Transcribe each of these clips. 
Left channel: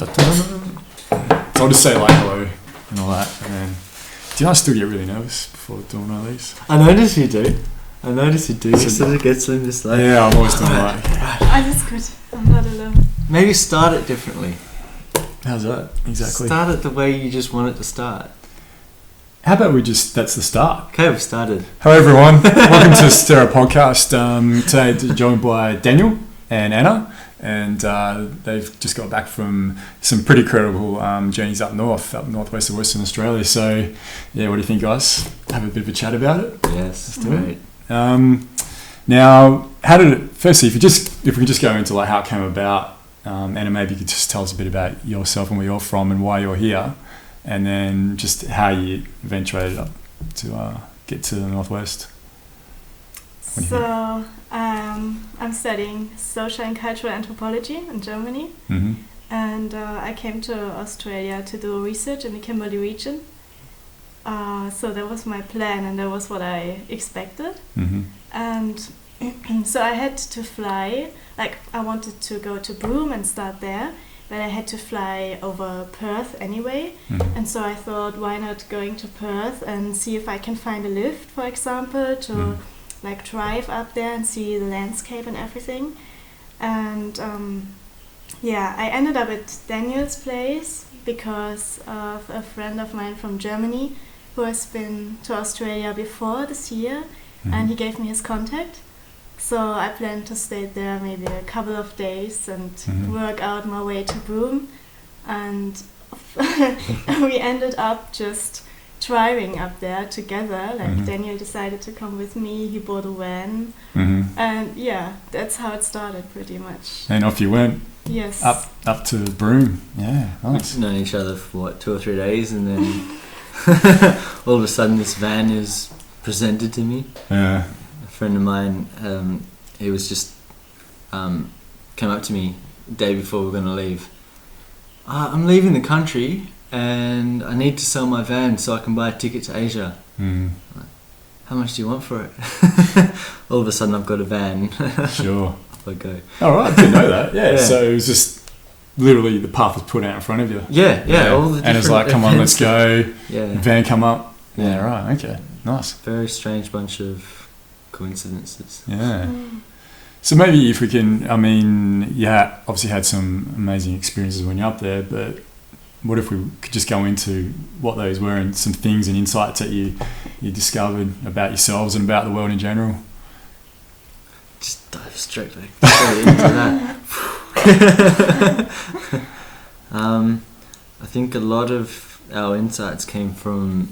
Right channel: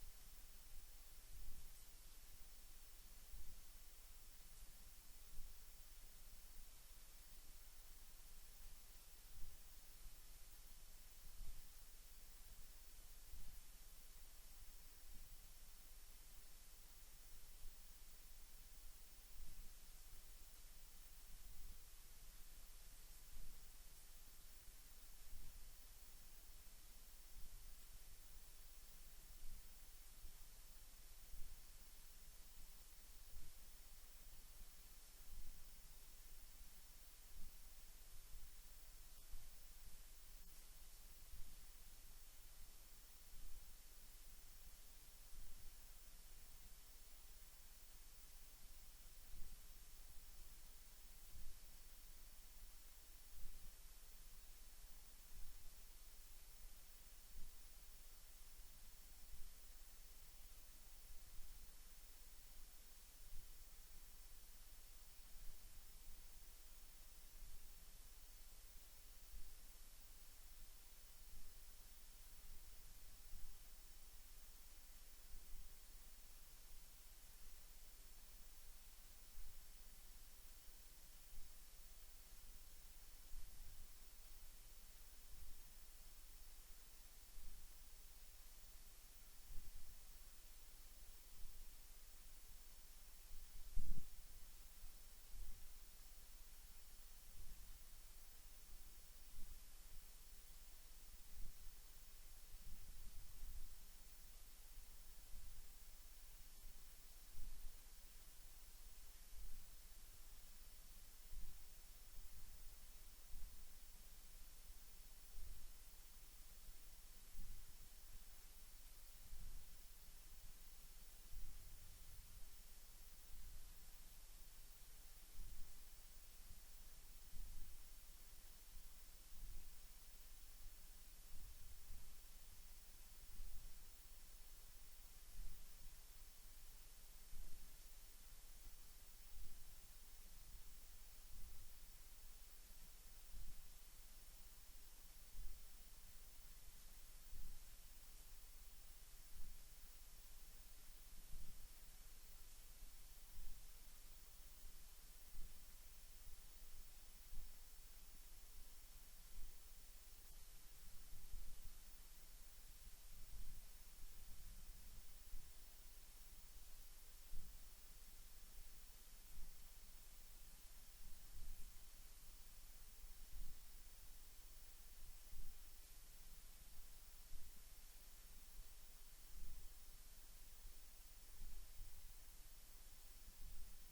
So I'll just say like hello and all that. And then, do you know I still get really nervous before doing one of these? I notice you do. So sort of gets them just like... Yeah, I'm always doing like... Oh, that's good. I'm not alone. Maybe start it differently. How's that? Exactly. Start it the way you just want it to start. How about we just... That's the start. Okay, we've started. Hello everyone. Welcome to Statera podcast. Today joined by Daniel and Anna. And they've just got back from some pretty credible journeys up northwest of Western Australia. So, yeah, what do you think, guys? Have a bit of a chat about it? Yes, let's do it. Now, how did it... Firstly, if we could just go into like how it came about, Anna, maybe you could just tell us a bit about yourself and where you're from and why you're here, and then just how you eventuated up to get to the northwest. So, I'm studying social and cultural anthropology in Germany, and I came to Australia to do research in the Kimberley region. So that was my plan, and that was what I expected. And so I had to fly. Like, I wanted to go to Broome and start there, but I had to fly over Perth anyway. And so I thought, why not going to Perth and see if I can find a lift, for example, to like drive up there and see the landscape and everything. And I ended up at Daniel's place because of a friend of mine from Germany who has been to Australia before this year, and he gave me his contact. So I planned to stay there maybe a couple of days and work out my way to Broome. And we ended up just driving up there together. Like Daniel decided to come with me, he bought a van, and yeah, that's how it started pretty much. And off you went. Yes. Up to Broome. Yeah, nice. We've known each other for 2 or 3 days, and then all of a sudden this van is presented to me. Yeah. A friend of mine, he was just came up to me the day before we were going to leave. I'm leaving the country and I need to sell my van so I can buy a ticket to Asia. How much do you want for it? All of a sudden I've got a van. Sure. Off I go. All right, I didn't know that. Yeah, so it was just literally the path was put out in front of you. Yeah. All the and it's like, come on, let's go. Yeah. Van come up. Yeah, right, okay. Nice. Very strange bunch of coincidences. Yeah. So maybe if we can, I mean, yeah, obviously had some amazing experiences when you're up there, but what if we could just go into what those were and some things and insights that you discovered about yourselves and about the world in general? Just dive straight into that. I think a lot of our insights came from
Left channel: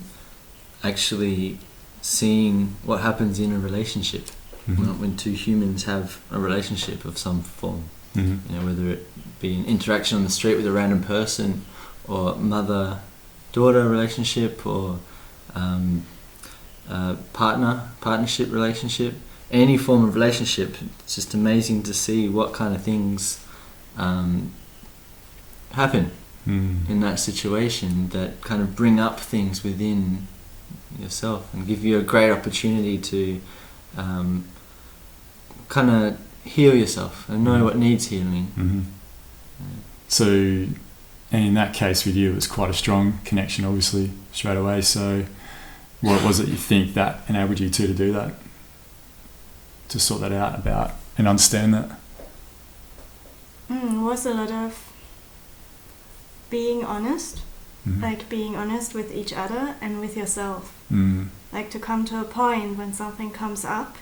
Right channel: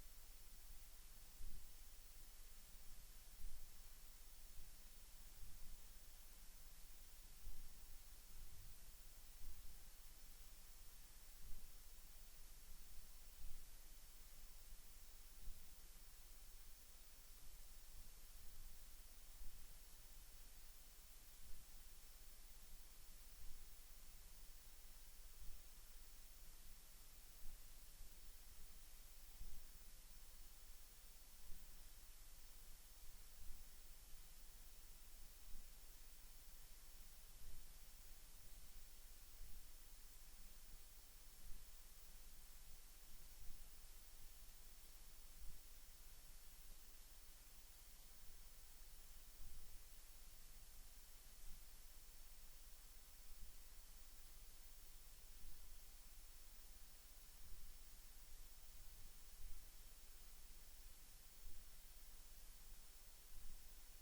actually seeing what happens in a relationship when two humans have a relationship of some form. You know, whether it be an interaction on the street with a random person, or mother-daughter relationship, or partnership relationship, any form of relationship. It's just amazing to see what kind of things happen in that situation that kind of bring up things within yourself and give you a great opportunity to kind of heal yourself and know what needs healing. So, and in that case with you, it was quite a strong connection, obviously, straight away. So what was it you think that enabled you to do that? To sort that out about and understand that? It was a lot of being honest, like being honest with each other and with yourself. Like to come to a point when something comes up,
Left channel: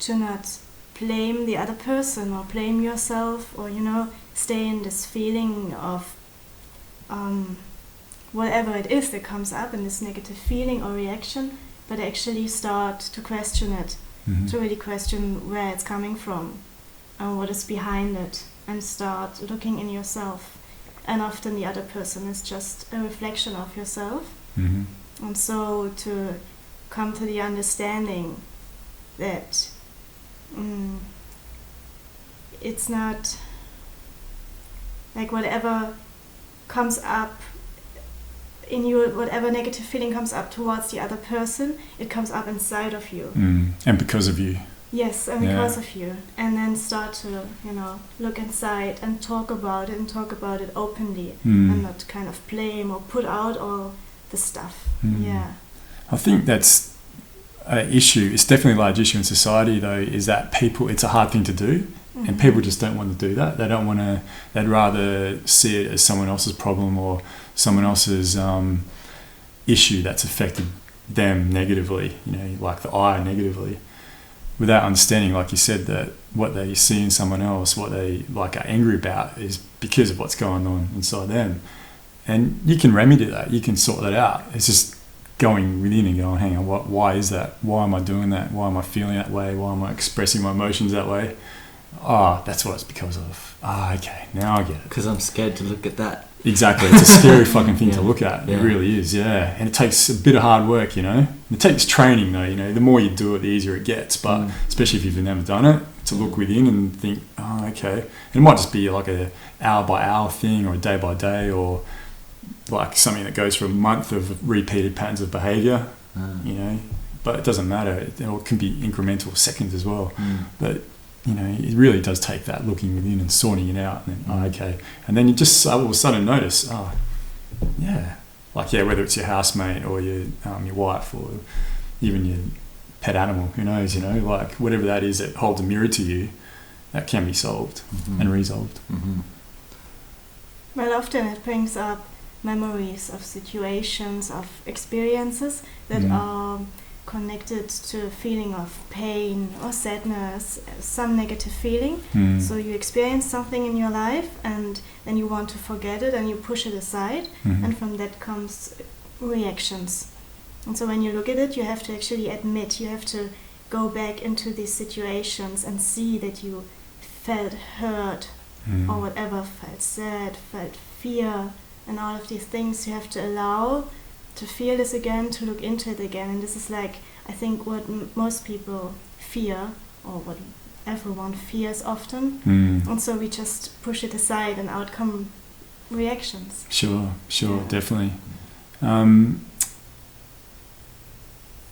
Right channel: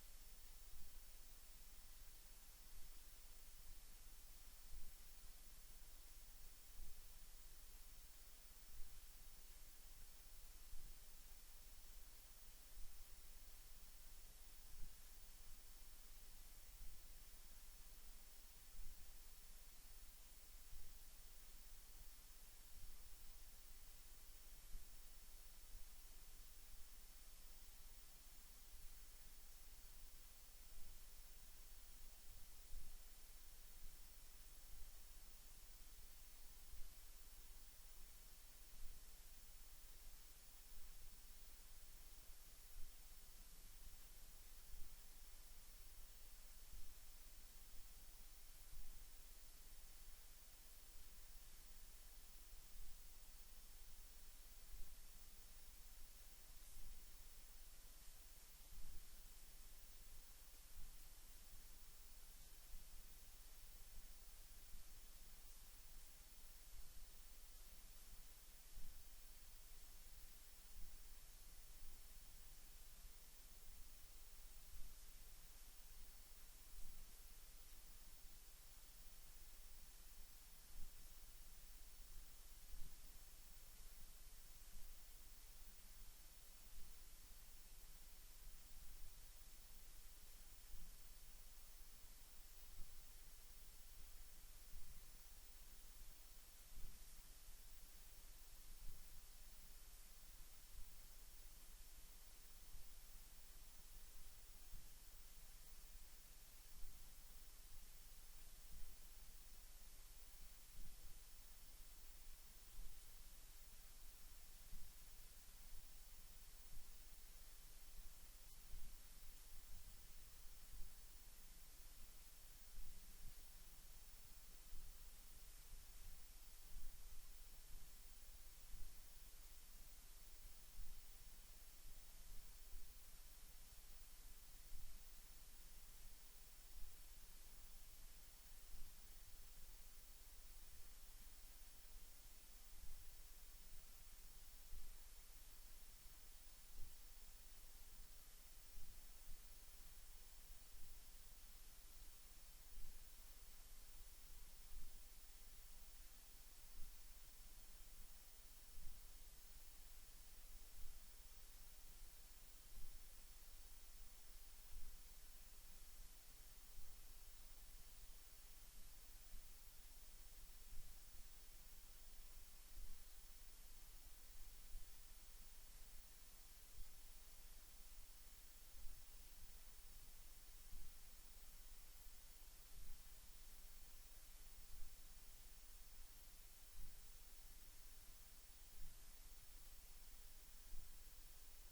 to not blame the other person or blame yourself, or, you know, stay in this feeling of whatever it is that comes up in this negative feeling or reaction, but actually start to question it, to really question where it's coming from and what is behind it, and start looking in yourself. And often the other person is just a reflection of yourself. And so to come to the understanding that it's not like whatever comes up in you, whatever negative feeling comes up towards the other person, it comes up inside of you. And because of you. Yes, and because of you. And then start to, look inside and talk about it openly, and not kind of blame or put out all the stuff. Yeah. I think that's an issue. It's definitely a large issue in society, though, is that it's a hard thing to do, and people just don't want to do that. They don't want to, they'd rather see it as someone else's problem or someone else's issue that's affected them negatively, like the I negatively, without understanding, like you said, that what they see in someone else, what they are angry about, is because of what's going on inside them. And you can remedy that, you can sort that out. It's just going within and going, hang on, why is that? Why am I doing that? Why am I feeling that way? Why am I expressing my emotions that way? That's what it's because of. Okay, now I get it. Because I'm scared to look at that. Exactly, it's a scary fucking thing to look at. It really is, yeah. And it takes a bit of hard work, It takes training, though, The more you do it, the easier it gets. But especially if you've never done it, to look within and think, okay. And it might just be like a hour by hour thing, or a day by day, or like something that goes for a month of repeated patterns of behaviour, But it doesn't matter. It can be incremental, seconds as well. But it really does take that looking within and sorting it out. And then, okay. And then you just all of a sudden notice, whether it's your housemate or your wife or even your pet animal, who knows, whatever that is that holds a mirror to you, that can be solved and resolved. Well, often it brings up memories of situations, of experiences that are connected to a feeling of pain or sadness, some negative feeling. So you experience something in your life and then you want to forget it and you push it aside, and from that comes reactions. And so when you look at it, you have to actually admit, you have to go back into these situations and see that you felt hurt or whatever, felt sad, felt fear, and all of these things. You have to allow to feel this again, to look into it again. And this is I think what most people fear, or what everyone fears often. And so we just push it aside and out come reactions. Sure, definitely. And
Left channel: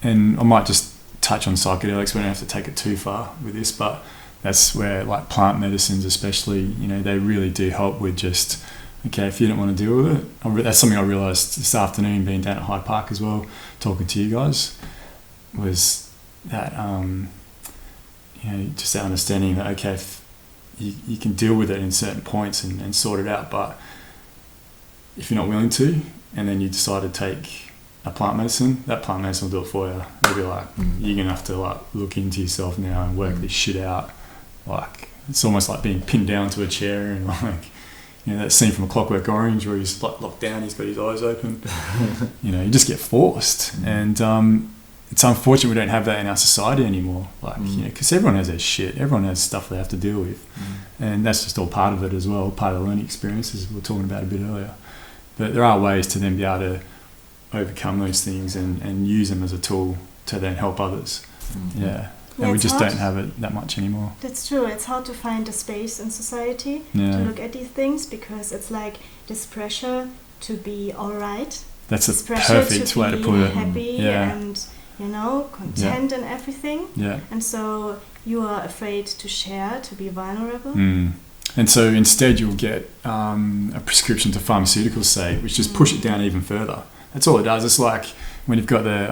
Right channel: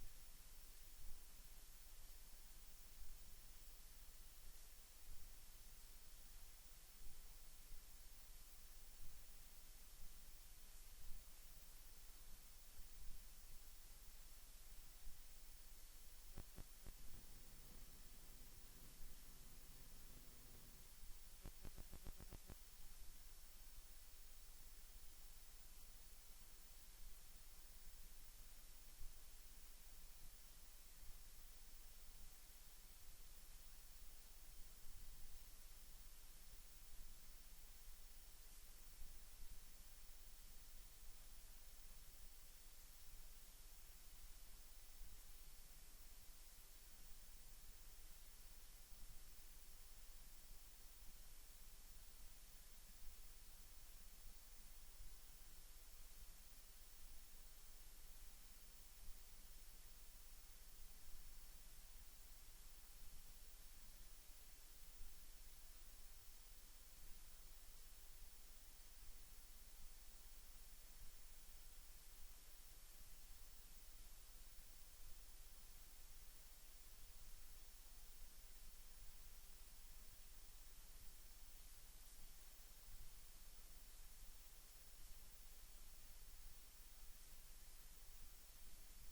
I might just touch on psychedelics. We don't have to take it too far with this, but that's where plant medicines especially, they really do help with just, okay, if you don't want to deal with it, that's something I realised this afternoon being down at Hyde Park as well, talking to you guys, was that, just that understanding that, okay, if you can deal with it in certain points and sort it out, but if you're not willing to, and then you decide to take a plant medicine, that plant medicine will do it for you. They'll be like, you're going to have to look into yourself now and work this shit out. It's almost like being pinned down to a chair and that scene from A Clockwork Orange where he's locked down, he's got his eyes open. You just get forced. And it's unfortunate we don't have that in our society anymore. Because everyone has their shit. Everyone has stuff they have to deal with. And that's just all part of it as well, part of the learning experiences we were talking about a bit earlier. But there are ways to then be able to overcome those things and use them as a tool to then help others. And we just don't have it that much anymore. That's true. It's hard to find a space in society to look at these things, because it's this pressure to be all right. That's a perfect way to put it. Happy and content and everything. And so you are afraid to share, to be vulnerable. And so instead you'll get a prescription to pharmaceuticals, say, which just push it down even further. That's all it does. It's like when you've got the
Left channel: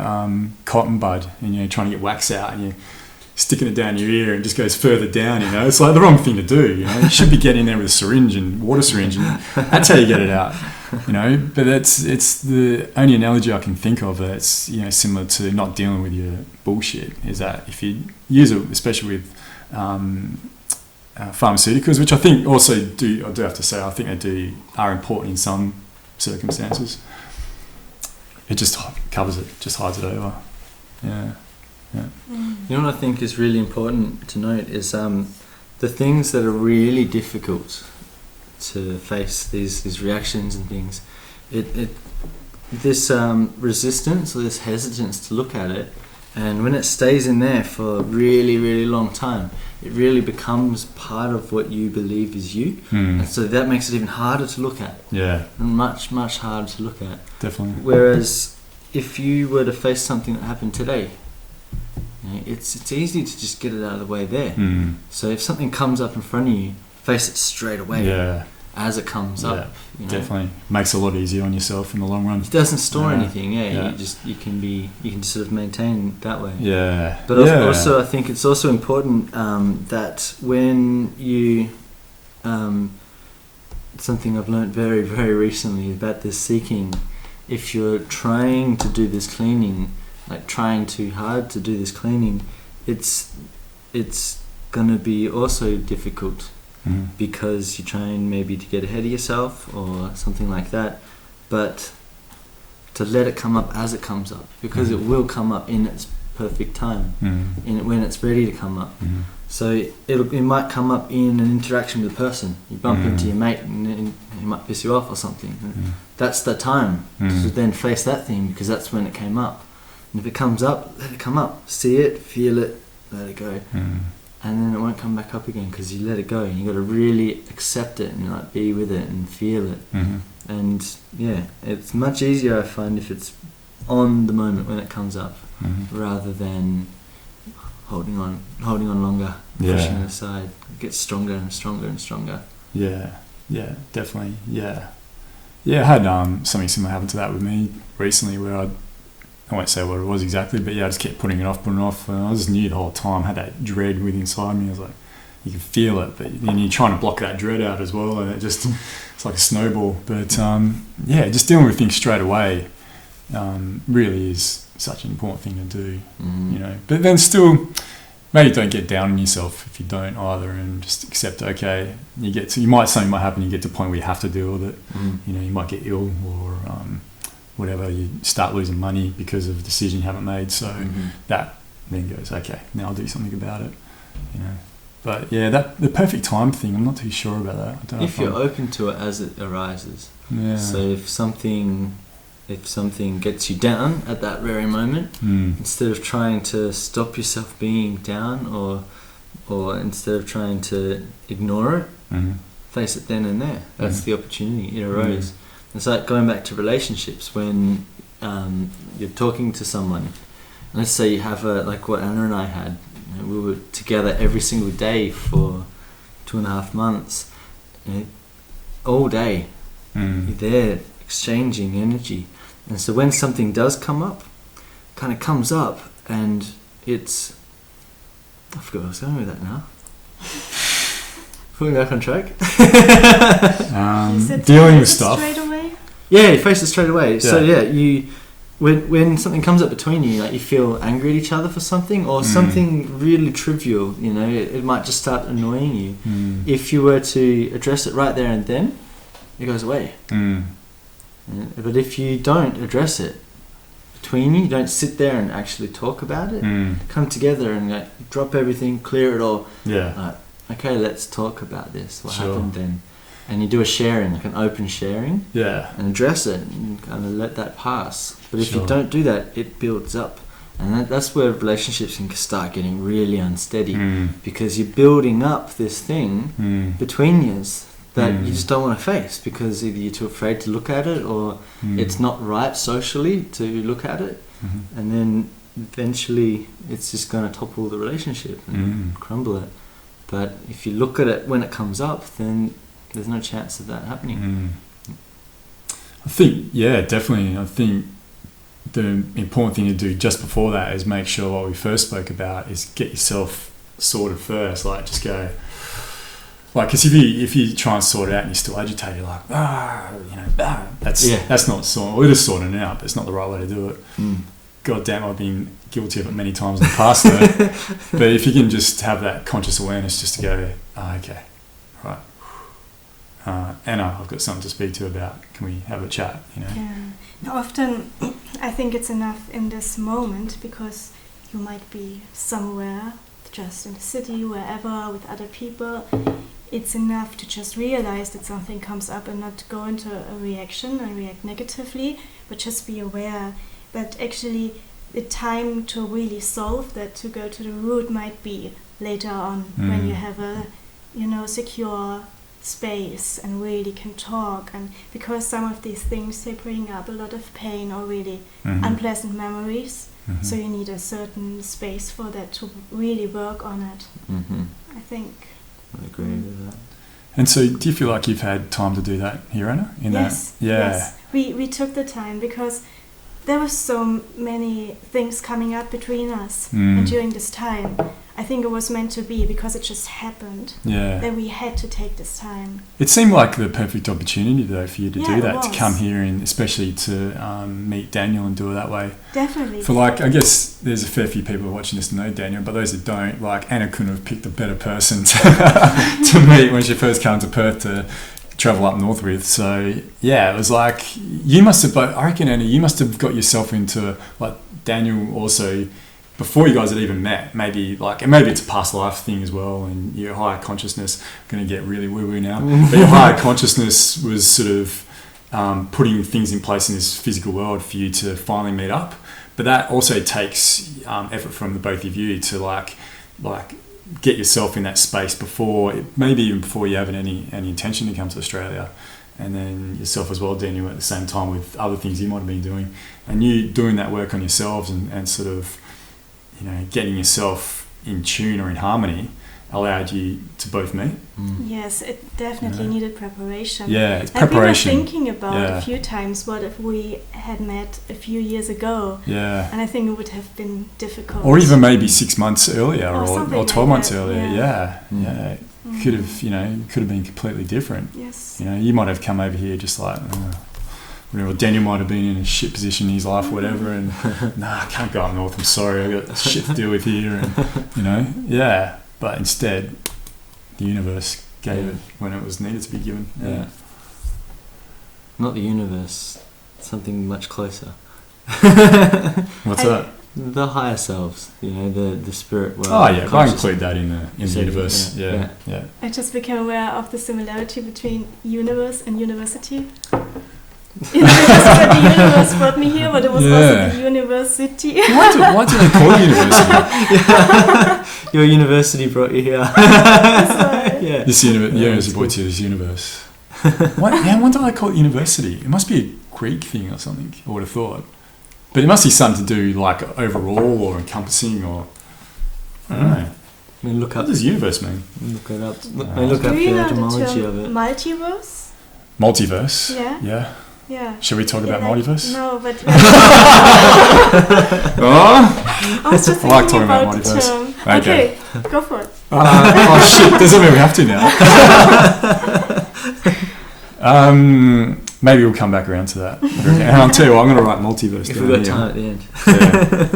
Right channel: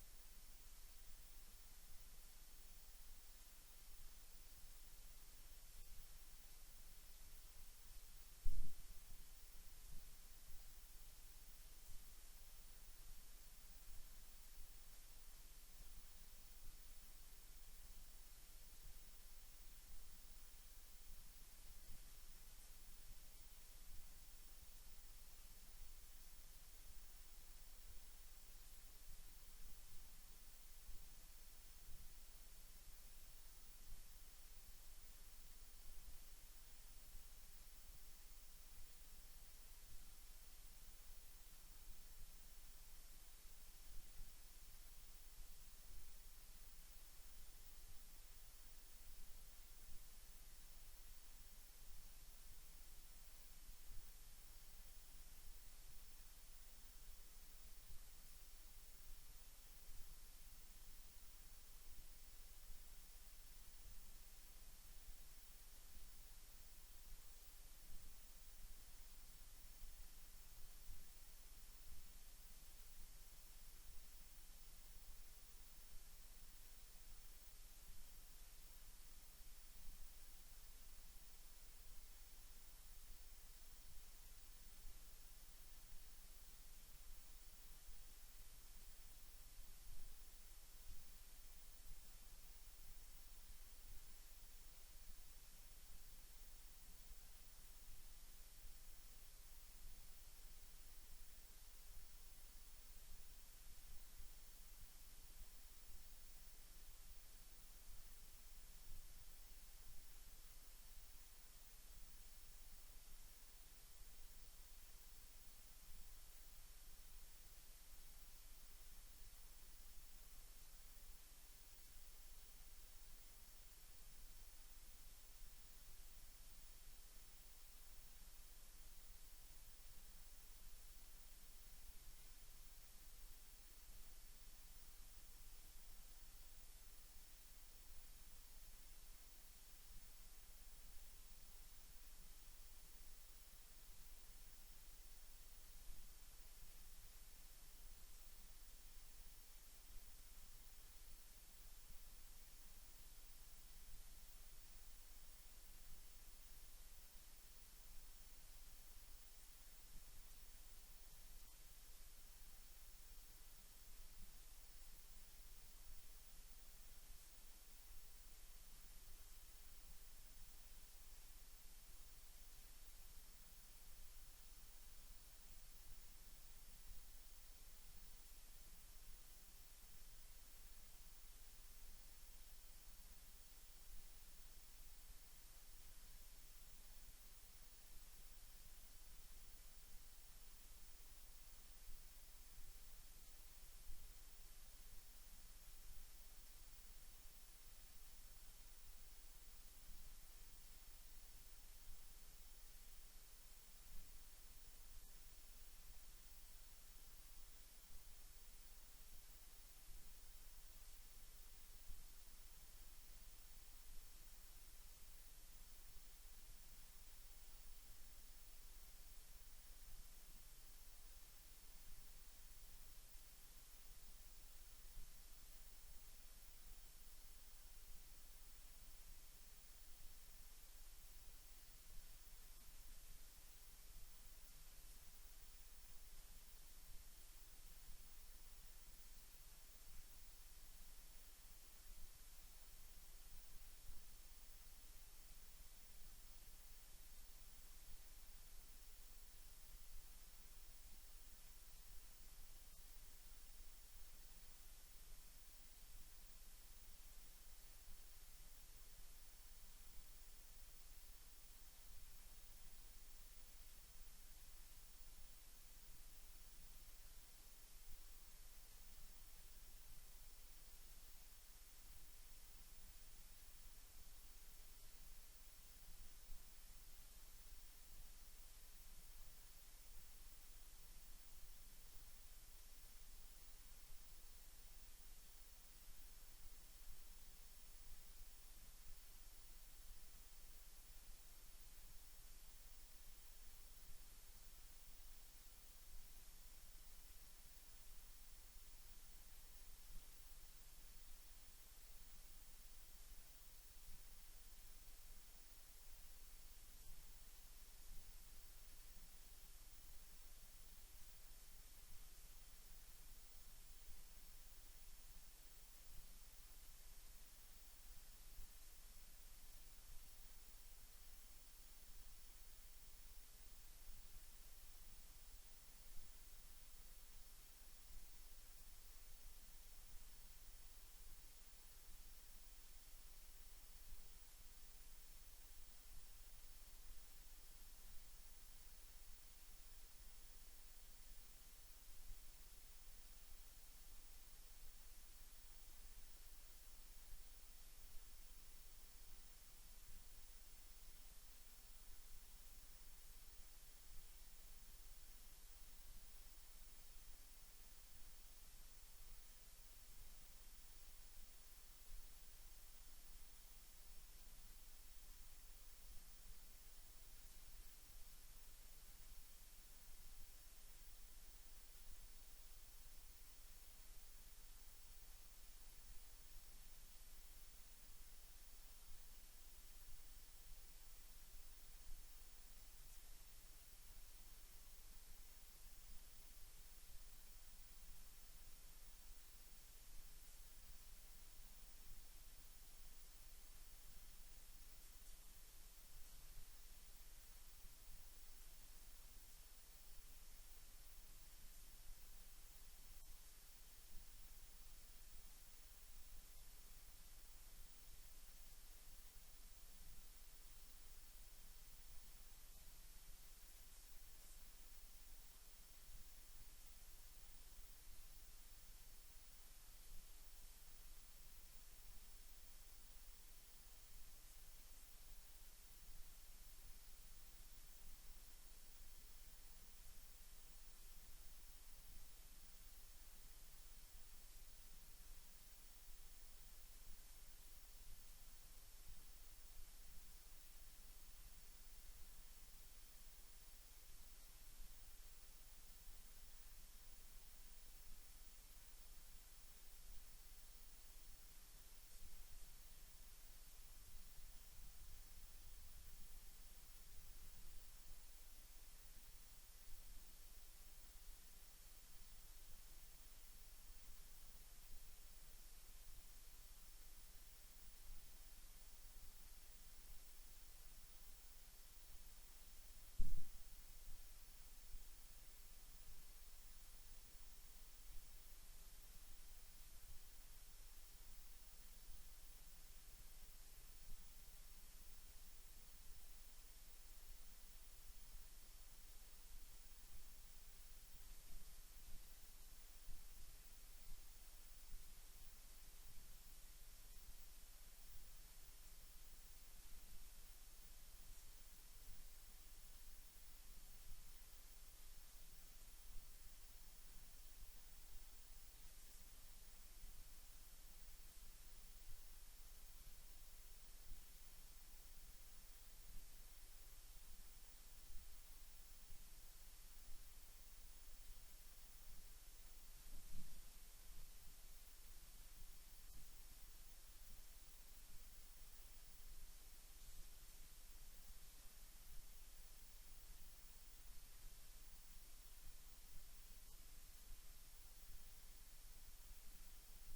cotton bud and you're trying to get wax out and you're sticking it down your ear and just goes further down, It's the wrong thing to do, You should be getting there with a syringe and water syringe, and that's how you get it out, But it's the only analogy I can think of that's, similar to not dealing with your bullshit, is that if you use it, especially with pharmaceuticals, which I think also I do have to say, I think they are important in some circumstances. It just covers it, just hides it over. You know what I think is really important to note is the things that are really difficult to face, these reactions and things. This resistance or this hesitance to look at it, and when it stays in there for a really, really long time, it really becomes part of what you believe is you. And so that makes it even harder to look at. Much, much harder to look at. Definitely. Whereas if you were to face something that happened today, it's easy to just get it out of the way there. Mm. So if something comes up in front of you, face it straight away. Yeah. As it comes up. Definitely makes it a lot easier on yourself in the long run. It doesn't store anything. Yeah. You can sort of maintain that way. Yeah. But also, I think it's also important that when you something I've learned very, very recently about this seeking, if you're trying to do this cleaning, like trying too hard to do this cleaning, it's gonna be also difficult. Mm. Because you're trying maybe to get ahead of yourself or something like that, but to let it come up as it comes up, because it will come up in its perfect time, when it's ready to come up. So it might come up in an interaction with a person. You bump into your mate and he might piss you off or something. That's the time to then face that thing, because that's when it came up. And if it comes up, let it come up. See it, feel it, let it go. And then it won't come back up again because you let it go. And you got to really accept it and like be with it and feel it. And it's much easier, I find, if it's on the moment when it comes up, rather than holding on longer, pushing it aside. It gets stronger and stronger and stronger. Yeah, definitely. Yeah, I had something similar happen to that with me recently, where I won't say what it was exactly, but I just kept putting it off, and I just knew the whole time, I had that dread within inside me. I was like, you can feel it, but then you're trying to block that dread out as well, and it's like a snowball. But just dealing with things straight away really is such an important thing to do, But then still, maybe don't get down on yourself if you don't either, and just accept, okay, something might happen, you get to a point where you have to deal with it. You might get ill or whatever, you start losing money because of a decision you haven't made, so that then goes, okay, now I'll do something about it, But the perfect time thing, I'm not too sure about that. I don't know if you're open to it as it arises. So if something gets you down at that very moment, instead of trying to stop yourself being down, or instead of trying to ignore it, face it then and there. That's the opportunity. It arose. It's like going back to relationships, when you're talking to someone, and let's say you have like what Anna and I had. We were together every single day for 2.5 months, all day. You're there exchanging energy. And so when something does come up, kind of comes up, and it's... I forgot where I was going with that now. Putting back on track. Dealing with stuff. Straight away? Yeah, you face it straight away. Yeah. So you... When something comes up between you, like you feel angry at each other for something, or something really trivial, it might just start annoying you. If you were to address it right there and then, it goes away. But if you don't address it between you, don't sit there and actually talk about it, come together and drop everything, clear it all. Okay, let's talk about this. What happened then? And you do a sharing, like an open sharing, and address it and kind of let that pass. But if you don't do that, it builds up. And that's where relationships can start getting really unsteady, because you're building up this thing between you that you just don't want to face, because either you're too afraid to look at it, or it's not right socially to look at it. And then eventually it's just going to topple the relationship and crumble it. But if you look at it when it comes up, then there's no chance of that happening. I think, definitely. I think the important thing to do just before that is make sure what we first spoke about is get yourself sorted first. Like, just go, because if you try and sort it out and you're still agitated, like, that's not sorting. Well, it is sorting it out, but it's not the right way to do it. God damn, I've been guilty of it many times in the past though. But if you can just have that conscious awareness, just to go, okay, right, Anna, I've got something to speak to you about. Can we have a chat? Often I think it's enough in this moment, because you might be somewhere, just in the city, wherever, with other people. It's enough to just realize that something comes up and not go into a reaction and react negatively, but just be aware. But actually the time to really solve that, to go to the root, might be later on, when you have a secure space and really can talk, and because some of these things, they bring up a lot of pain or really unpleasant memories, So you need a certain space for that to really work on it. I think. I agree with that. And so, do you feel like you've had time to do that here, Anna? Yes. Yeah. Yes. We took the time because there were so many things coming up between us during this time. I think it was meant to be because it just happened. Yeah. That we had to take this time. It seemed like the perfect opportunity, though, for you to do that, to was. come here and especially to meet Daniel and do it that way. Definitely. For like, I guess there's a fair few people watching this to know Daniel, but those that don't, like Anna couldn't have picked a better person to meet when she first came to Perth to travel up north with. So yeah, it was like you must have. I reckon, Anna, you must have got yourself into like Daniel also. Before you guys had even met, maybe it's a past life thing as well, and your higher consciousness, going to get really woo-woo now, but your higher consciousness was sort of putting things in place in this physical world for you to finally meet up. But that also takes effort from the both of you to like get yourself in that space maybe even before you have any intention to come to Australia. And then yourself as well, Daniel, at the same time with other things you might have been doing. And you doing that work on yourselves and sort of, you know, getting yourself in tune or in harmony allowed you to both meet. Yes, it definitely needed preparation. Yeah, it's preparation. And we were thinking about a few times, what if we had met a few years ago? Yeah. And I think it would have been difficult. Or even maybe 6 months earlier or 12 like months that. earlier. Yeah. Could have been completely different. Yes. You know, you might have come over here just like, whatever. Daniel might have been in a shit position in his life, whatever, and I can't go up north. I'm sorry, I got shit to deal with here, and you know, But instead, the universe gave it when it was needed to be given. Yeah. Not the universe, something much closer. What's that? The higher selves, you know, the spirit world. Oh yeah, I include that in the universe. Yeah. I just became aware of the similarity between universe and university. The universe brought me here, but it was also the university. Why do they call it university? Your university brought you here. Yeah. This university brought you to this universe. Why do they call it university? It must be a Greek thing or something, I would have thought. But it must be something to do like overall or encompassing or I don't know. I mean, what does universe mean? Look it up. Look up the etymology of it. Multiverse? Multiverse? Yeah. Yeah. Should we talk about multiverse? No, but I was just I like talking about multiverse. Okay, go for it. Oh shit! Doesn't mean we have to now. Maybe we'll come back around to that. And I'll tell you what, I'm going to write multiverse. If we've got time at the end.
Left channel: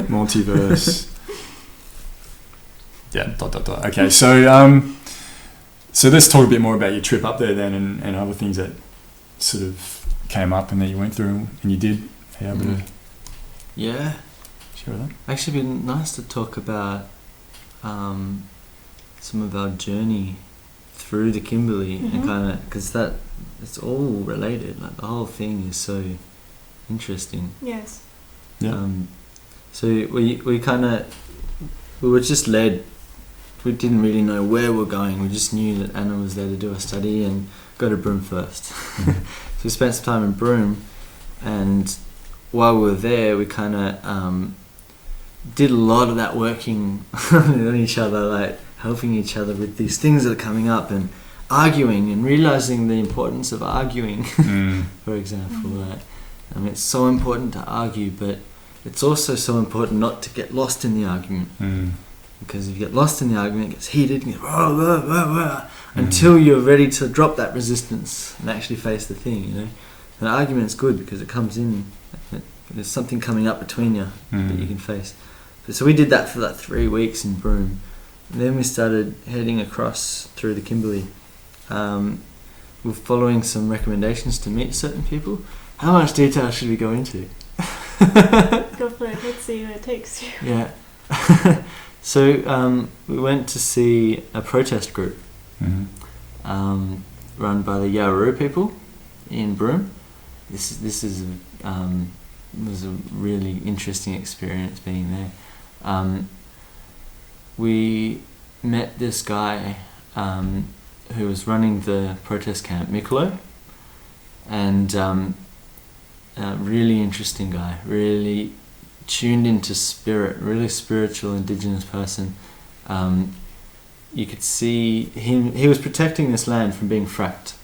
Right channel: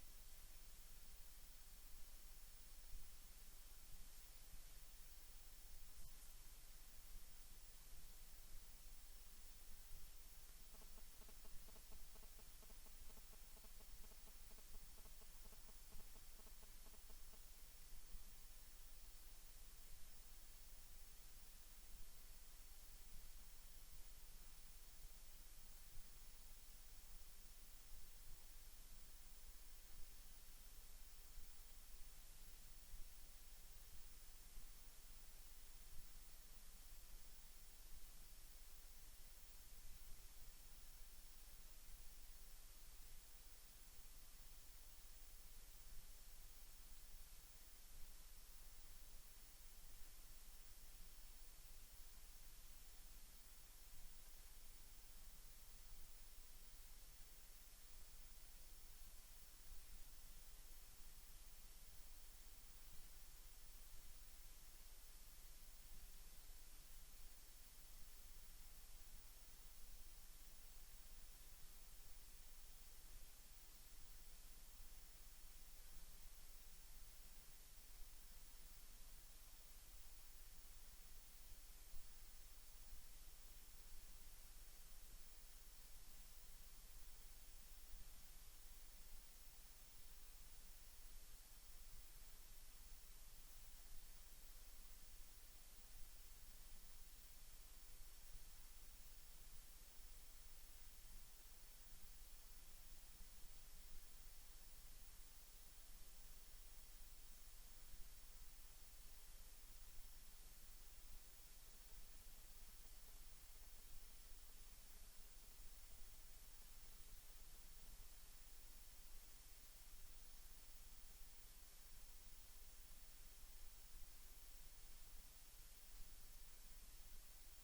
Multiverse. Yeah. ... Okay, so let's talk a bit more about your trip up there then, and other things that sort of came up and that you went through and you did. Are you able to share that? Actually, it'd been nice to talk about some of our journey through the Kimberley and kind of because it's all related. Like the whole thing is so interesting. Yes. Yeah. So we kind of we were just led. We didn't really know where we're going. We just knew that Anna was there to do a study and go to Broome first. So we spent some time in Broome, and while we were there, we kind of did a lot of that working on each other, like helping each other with these things that are coming up and arguing and realizing the importance of arguing, for example. Like, I mean, it's so important to argue, but it's also so important not to get lost in the argument. Because if you get lost in the argument, it gets heated, and until you're ready to drop that resistance and actually face the thing, you know. An argument's good because it comes in, there's something coming up between you that you can face. So we did that for like 3 weeks in Broome. And then we started heading across through the Kimberley. We're following some recommendations to meet certain people. How much detail should we go into? Go for it, let's see where it takes you. Yeah. So we went to see a protest group run by the Yarroo people in Broome. This was a really interesting experience being there. We met this guy who was running the protest camp, Mikolo, and a really interesting guy, really tuned into spirit, really spiritual indigenous person. You could see him. He was protecting this land from being fracked.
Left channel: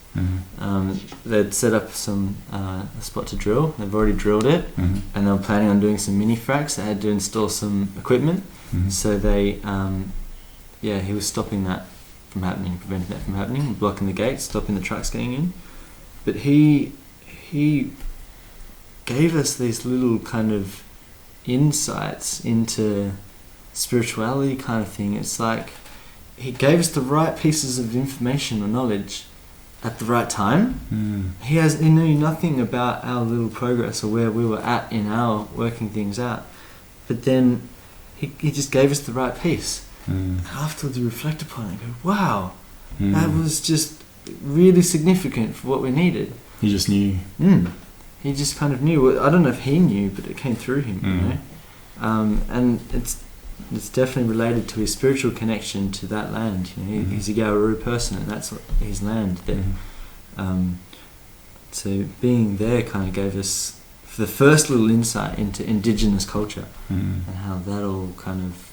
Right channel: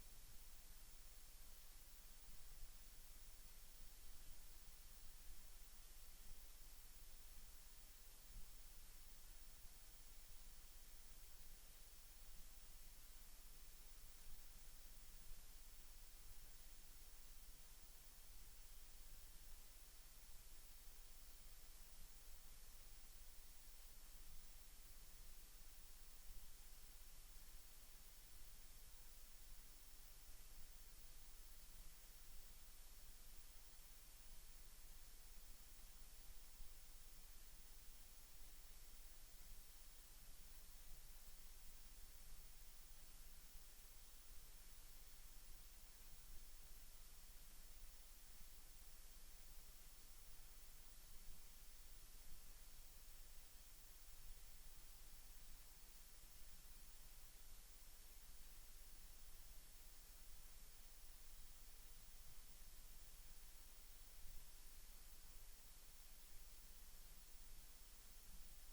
They'd set up a spot to drill. They've already drilled it, and they were planning on doing some mini fracks. They had to install some equipment, so they, he was stopping that from happening, preventing that from happening, blocking the gates, stopping the trucks getting in. But he gave us these little kind of insights into spirituality kind of thing. It's like he gave us the right pieces of information or knowledge at the right time. He knew nothing about our little progress or where we were at in our working things out, but then he just gave us the right piece. And afterwards you reflect upon it and go, wow, that was just really significant for what we needed. He just knew. He just kind of knew. I don't know if he knew, but it came through him, you know. And it's definitely related to his spiritual connection to that land. You know, he's a Garuru person, and that's his land there. So being there kind of gave us the first little insight into indigenous culture and how that all kind of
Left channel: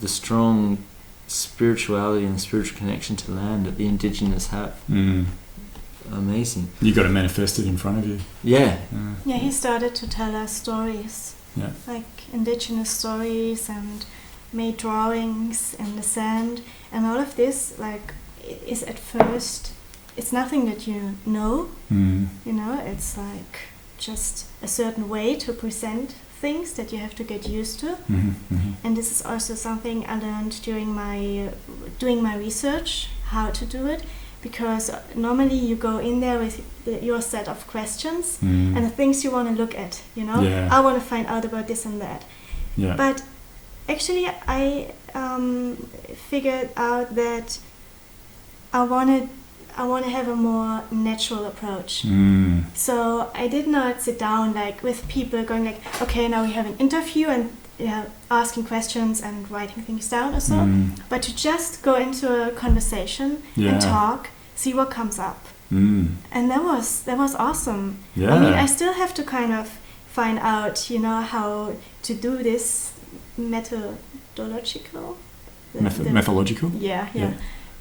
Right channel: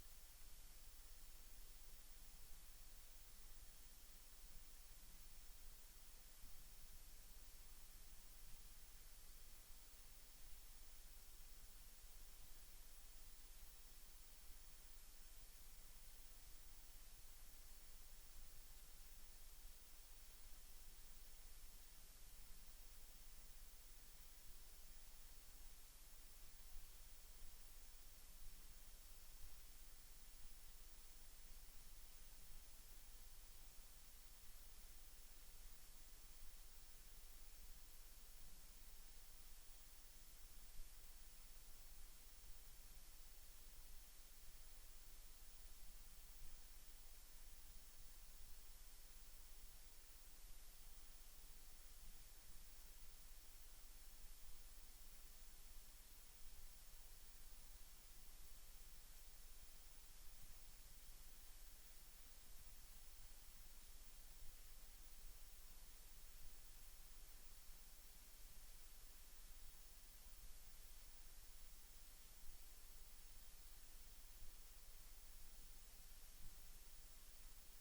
the strong spirituality and spiritual connection to land that the indigenous have. Amazing. You got it manifested in front of you. Yeah. Yeah, he started to tell us stories. Yeah. Like indigenous stories, and made drawings in the sand, and all of this like is at first it's nothing that you know. You know, it's like just a certain way to present things that you have to get used to. And this is also something I learned during my doing my research, how to do it, because normally you go in there with your set of questions and the things you want to look at, you know. I want to find out about this and that. But actually I figured out that I want to have a more natural approach. So I did not sit down like with people going like, okay, now we have an interview and asking questions and writing things down or so, but to just go into a conversation and talk, see what comes up. And that was awesome. I mean, I still have to kind of find out, you know, how to do this methodological. Methodological? Yeah.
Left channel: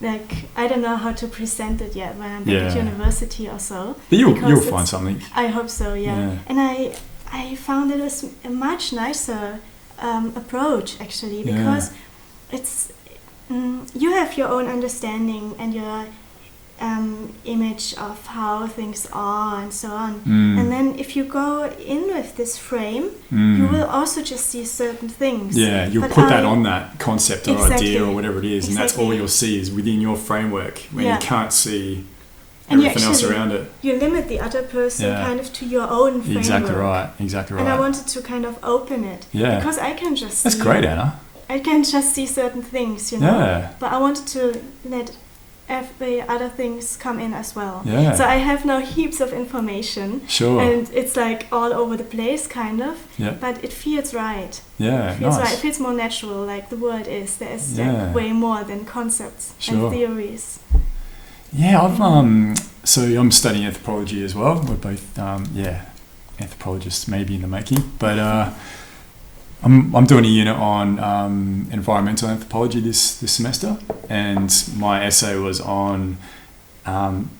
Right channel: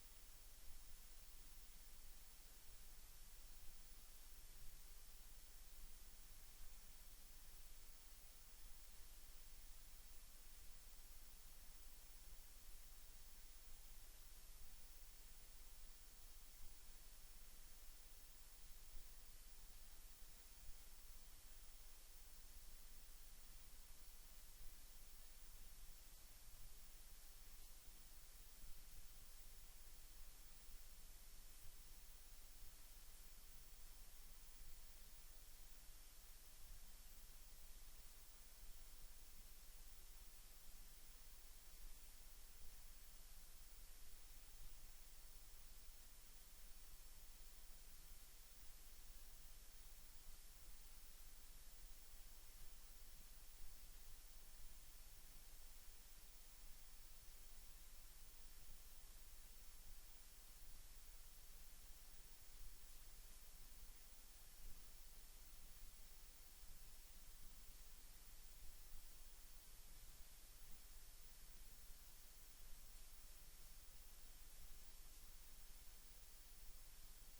Like, I don't know how to present it yet when I'm back at university or so. But you'll find something. I hope so, yeah. And I found it was a much nicer approach, actually, because it's you have your own understanding and your image of how things are and so on. And then if you go in with this frame, you will also just see certain things. Yeah, you'll put that on that concept or idea or whatever it is, and that's all you'll see is within your framework, when you can't see everything else around it. You limit the other person kind of to your own framework. Exactly right. And I wanted to kind of open it. Because I can just That's great, Anna. I can just see certain things, you know. But I wanted to let every other things come in as well. So I have now heaps of information. And it's like all over the place, kind of. But it feels right. It feels right. It feels more natural, like the world is. There is like way more than concepts and theories. So I'm studying anthropology as well. We're both anthropologists, maybe in the making, but I'm doing a unit on environmental anthropology this semester, and my essay was on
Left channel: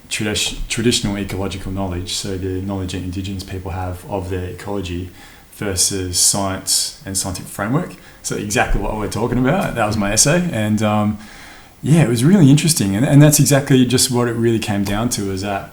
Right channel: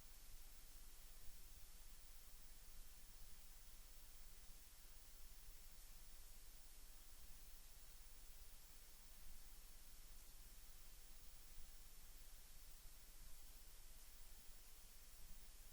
traditional ecological knowledge, so the knowledge that Indigenous people have of their ecology versus science and scientific framework. So exactly what we're talking about. That was my essay, and it was really interesting, and that's exactly just what it really came down to. Is that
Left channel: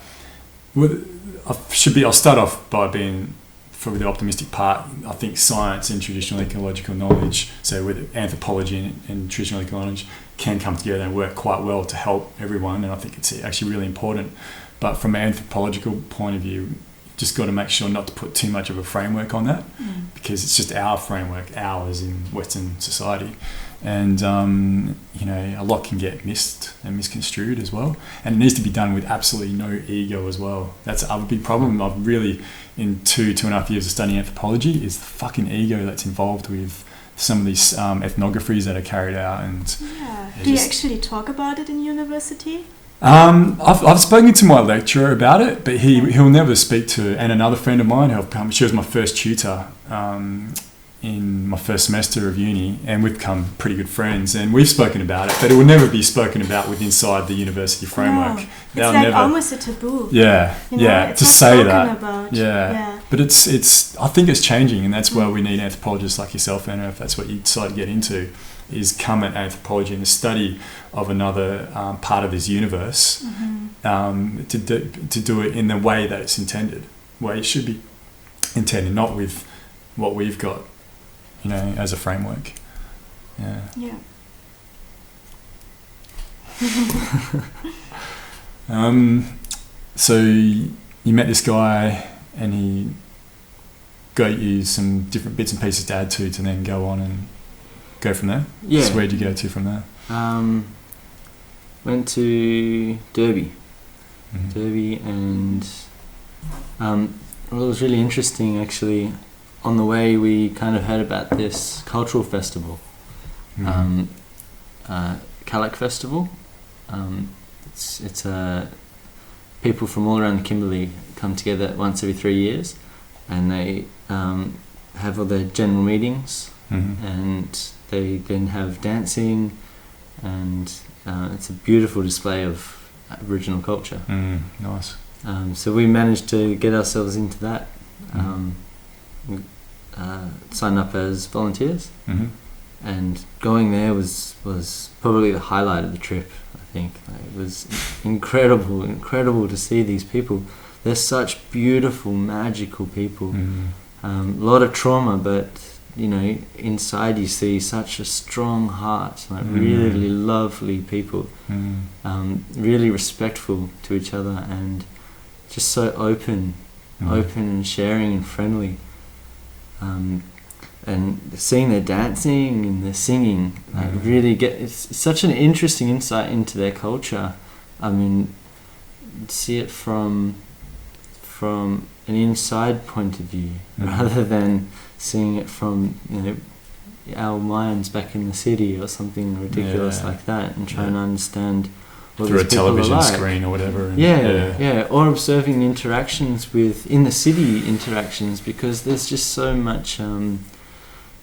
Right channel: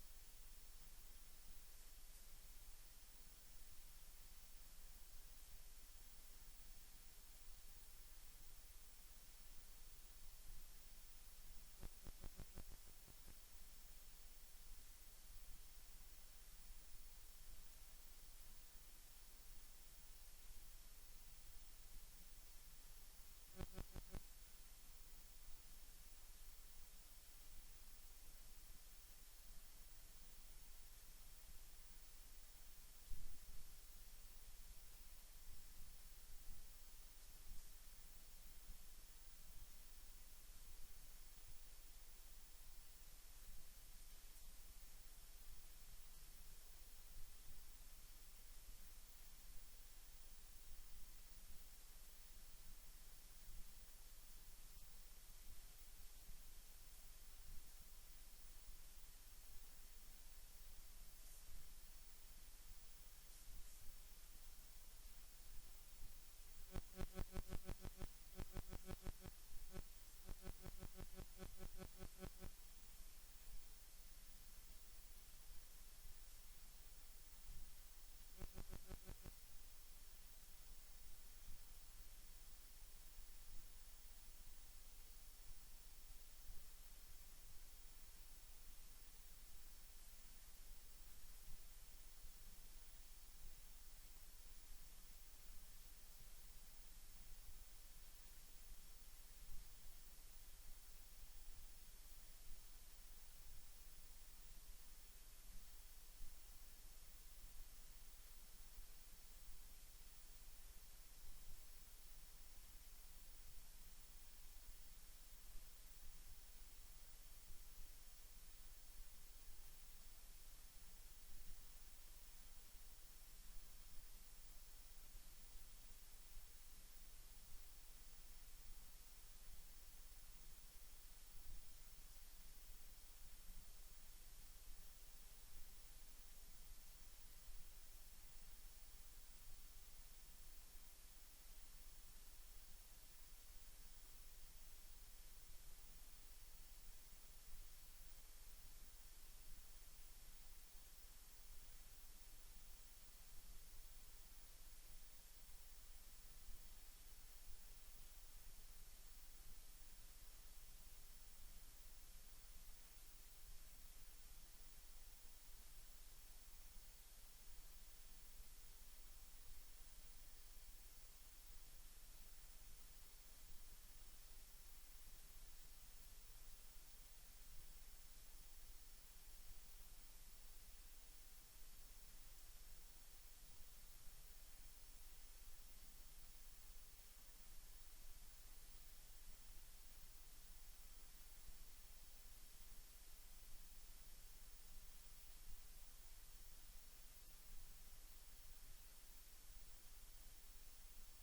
I'll start off by being, for the optimistic part, I think science and traditional ecological knowledge, so with anthropology and traditional ecological knowledge, can come together and work quite well to help everyone, and I think it's actually really important. But from an anthropological point of view, you've just got to make sure not to put too much of a framework on that, because it's just our framework, ours in Western society. And a lot can get missed and misconstrued as well, and it needs to be done with absolutely no ego as well. That's a big problem I've really, in 2.5 years of studying anthropology, is the fucking ego that's involved with some of these ethnographies that are carried out. And do you actually talk about it in university? I've spoken to my lecturer about it, but he'll never speak to. And another friend of mine, she was my first tutor in my first semester of uni, and we've become pretty good friends. And we've spoken about it, but it will never be spoken about with inside the university framework. No, it's like almost a taboo. Yeah, you know, yeah. it's To not say spoken that, about. yeah. But it's. I think it's changing, and that's where we need anthropologists like yourself, Anna, if that's what you decide to get into. Is come at anthropology and the study of another part of this universe to do it in the way that it's intended, way it should be intended, not with what we've got, you know, as a framework. Yeah. So you met this guy, and he got you some different bits and pieces to add to then go on and go from there? Yeah. So where'd you go to from there? Went to Derby. Derby, and well, it was really interesting actually. On the way, we kind of heard about this cultural festival, Calic Festival. It's people from all around the Kimberley come together once every 3 years, and they have all their general meetings, and they then have dancing, and it's a beautiful display of Aboriginal culture. Nice. So we managed to get ourselves into that, sign up as volunteers, and going there was probably the highlight of the trip. I think it was incredible to see these people. They're such beautiful, magical people. A lot of trauma, but you know, inside you see such a strong heart, like really lovely people, really respectful to each other, and just so open and sharing and friendly. And seeing their dancing and their singing, like really it's such an interesting insight into their culture. I mean, see it from an inside point of view, rather than seeing it from, you know, our minds back in the city or something ridiculous like that, and trying to understand what through a these people television are like. screen or whatever. Or observing the interactions in the city interactions, because there's just so much, you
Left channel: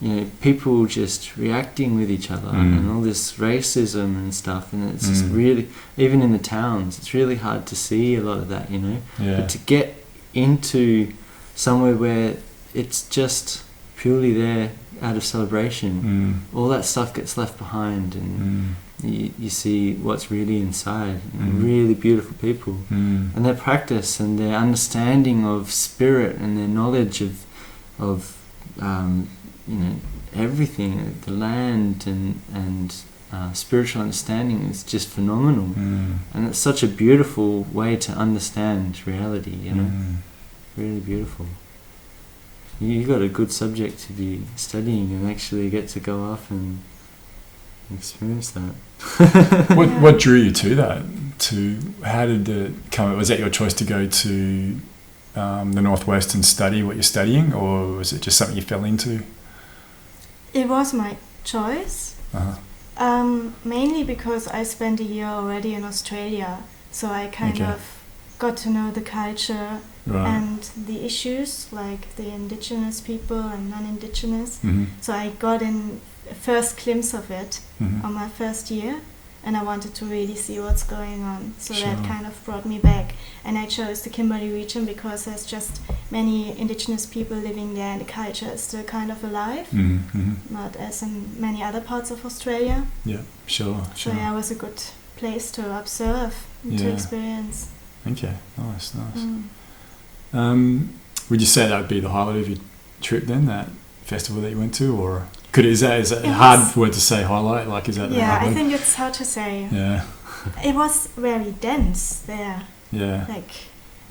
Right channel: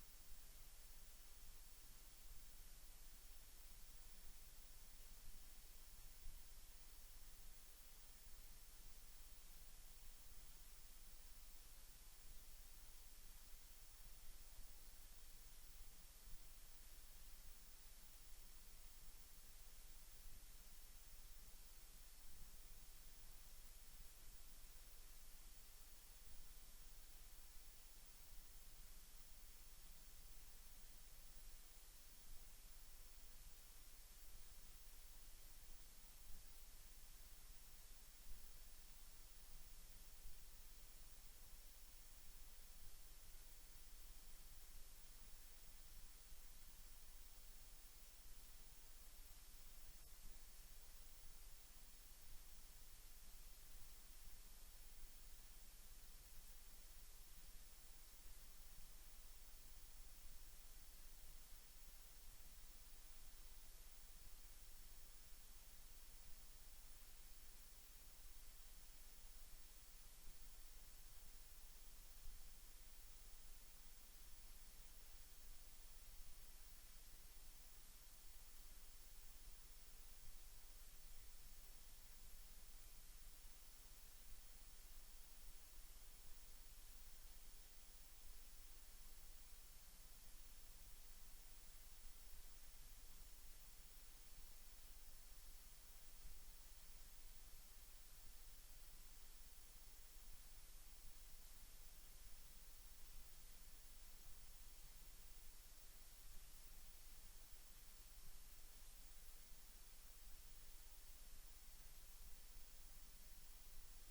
know, people just reacting with each other and all this racism and stuff, and it's just really, even in the towns, it's really hard to see a lot of that, you know. But to get into somewhere where it's just purely there out of celebration, all that stuff gets left behind, and you see what's really inside. Really beautiful people, and their practice and their understanding of spirit and their knowledge of you know, everything, the land and spiritual understanding is just phenomenal, and it's such a beautiful way to understand reality, you know. Really beautiful. You got a good subject to be studying and actually get to go off and experience that. What drew you to that? How did it come? Was that your choice to go to the Northwest and study what you're studying, or was it just something you fell into? It was my choice. Mainly because I spent a year already in Australia, so I kind of got to know the culture and the issues, like the indigenous people and non-indigenous. So I got in a first glimpse of it on my first year, and I wanted to really see what's going on. So that kind of brought me back, and I chose the Kimberley region because there's just many indigenous people living there, and the culture is still kind of alive, not as in many other parts of Australia. So it was a good place to observe and to experience. Okay, nice. Would you say that would be the highlight of your trip then, that festival that you went to, or is that a hard word to say, highlight? Like, is that the hard word? I think it's hard to say. It was very dense there. Like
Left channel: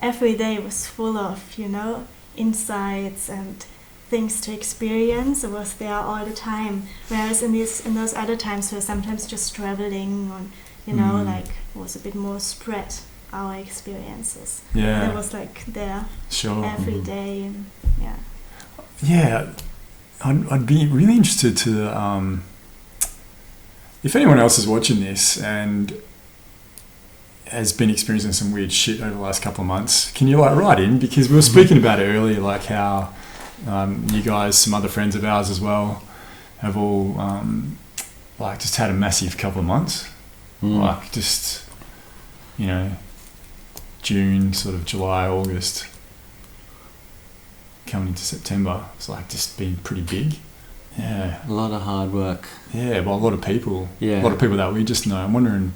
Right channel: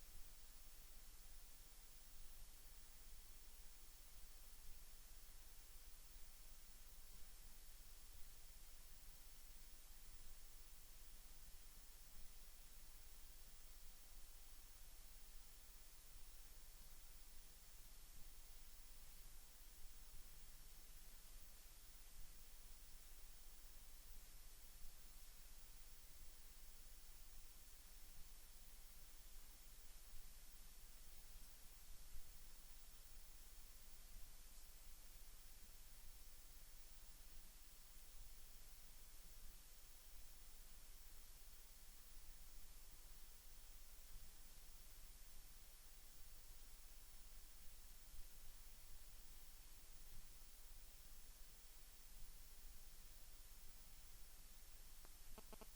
every day was full of, you know, insights and things to experience. It was there all the time. Whereas in those other times, we were sometimes just traveling, or, you know, like it was a bit more spread, our experiences. It was like there every day. And, I'd be really interested to, if anyone else is watching this and has been experiencing some weird shit over the last couple of months, can you like write in? Because we were speaking about it earlier, like how you guys, some other friends of ours as well, have all like just had a massive couple of months. Like just, you know, June, sort of July, August, coming into September, it's like just been pretty big. Yeah. A lot of hard work. Yeah, well, a lot of people. Yeah. A lot of people that we just know. I'm wondering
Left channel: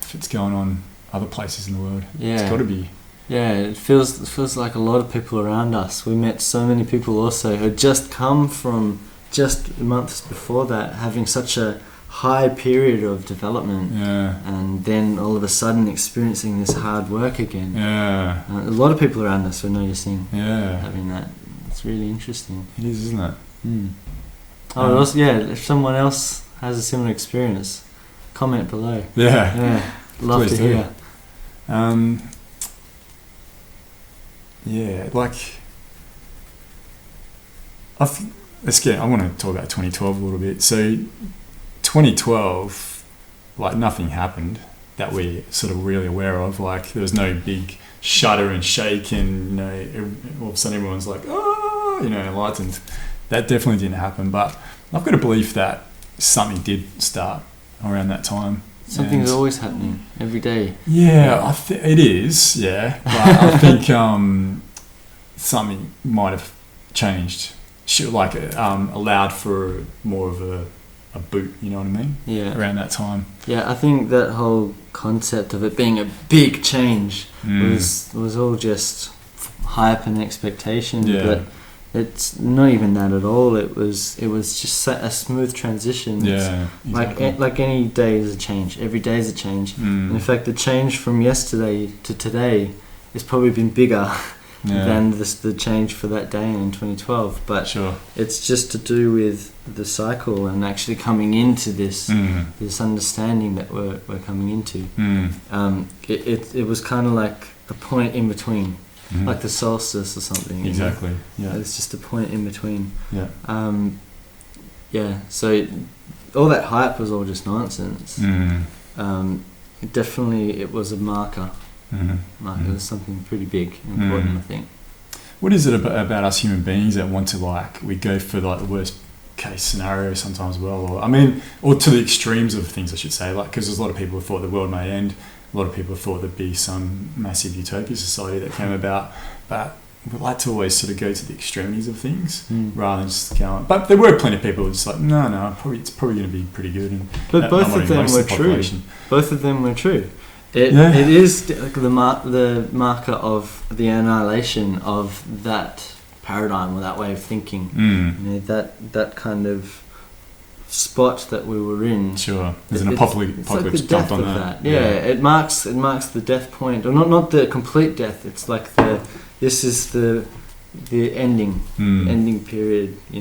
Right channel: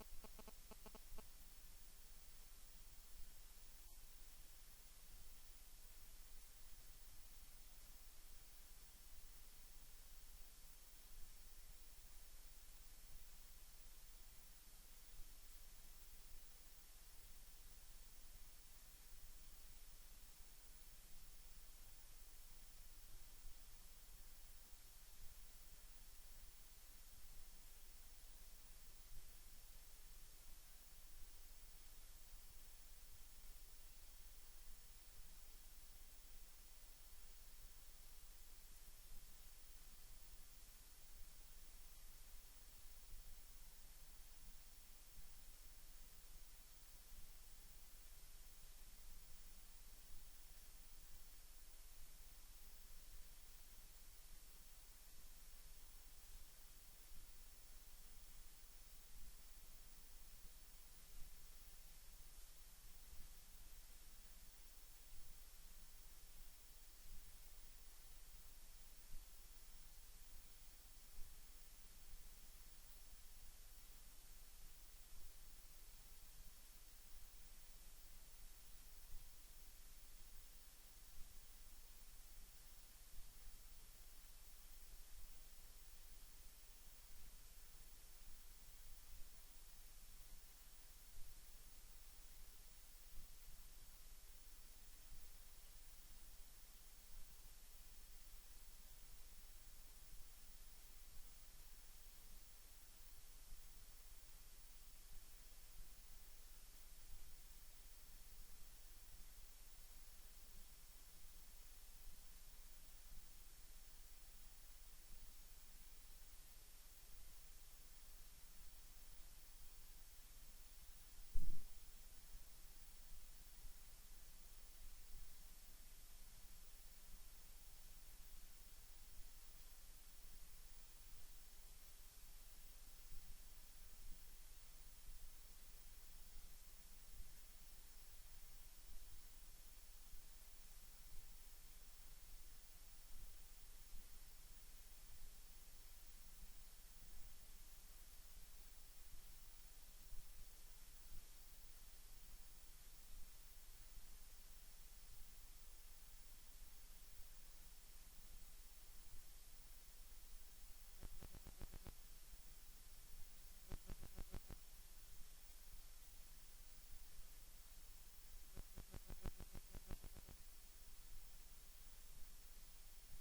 if it's going on other places in the world. Yeah. It's got to be. Yeah, it feels like a lot of people around us. We met so many people also who had just come from just months before that, having such a high period of development, and then all of a sudden experiencing this hard work again. A lot of people around us are noticing having that. It's really interesting. It is, isn't it? Also, if someone else has a similar experience, comment below. Love Please to hear. Like I want to talk about 2012 a little bit. So 2012, like nothing happened that we're sort of really aware of. Like there was no big shudder and shake and, you know, all of a sudden everyone's like, oh, you know, enlightened. That definitely didn't happen. But I've got a belief that something did start around that time. Something's always happening every day. Yeah, it is. Yeah, but I think something might have changed. Like allowed for more of a boot. You know what I mean? Yeah. Around that time. Yeah, I think that whole concept of it being a big change was all just hype and expectation. Yeah. But it's not even that at all. It was just a smooth transition. Yeah, exactly. Like any day is a change. Every day is a change. And in fact, the change from yesterday to today has probably been bigger than the change for that day in 2012. But it's just to do with the cycle and actually coming into this this understanding that we're coming into. It was kind of like a point in between. Like the solstice or something. Exactly. Yeah. It's just a point in between. Yeah. So all that hype was all just nonsense. Definitely, it was a marker. It was something pretty big, and important. I think. What is it about us human beings that want to we go for like the worst case scenario sometimes? Or to the extremes of things, I should say. Like, because there's a lot of people who thought the world may end. A lot of people thought there'd be some massive utopia society that came about, but we like to always sort of go to the extremities of things rather than just go on. But there were plenty of people who were just like, no, it's probably going to be pretty good. But both of them were true. Both of them were true. It is the marker of the annihilation of that paradigm or that way of thinking. You know, that kind of spot that we were in. There's an apocalypse like the jumped on that. It marks the death point, or not the complete death. It's like this is the ending ending period, you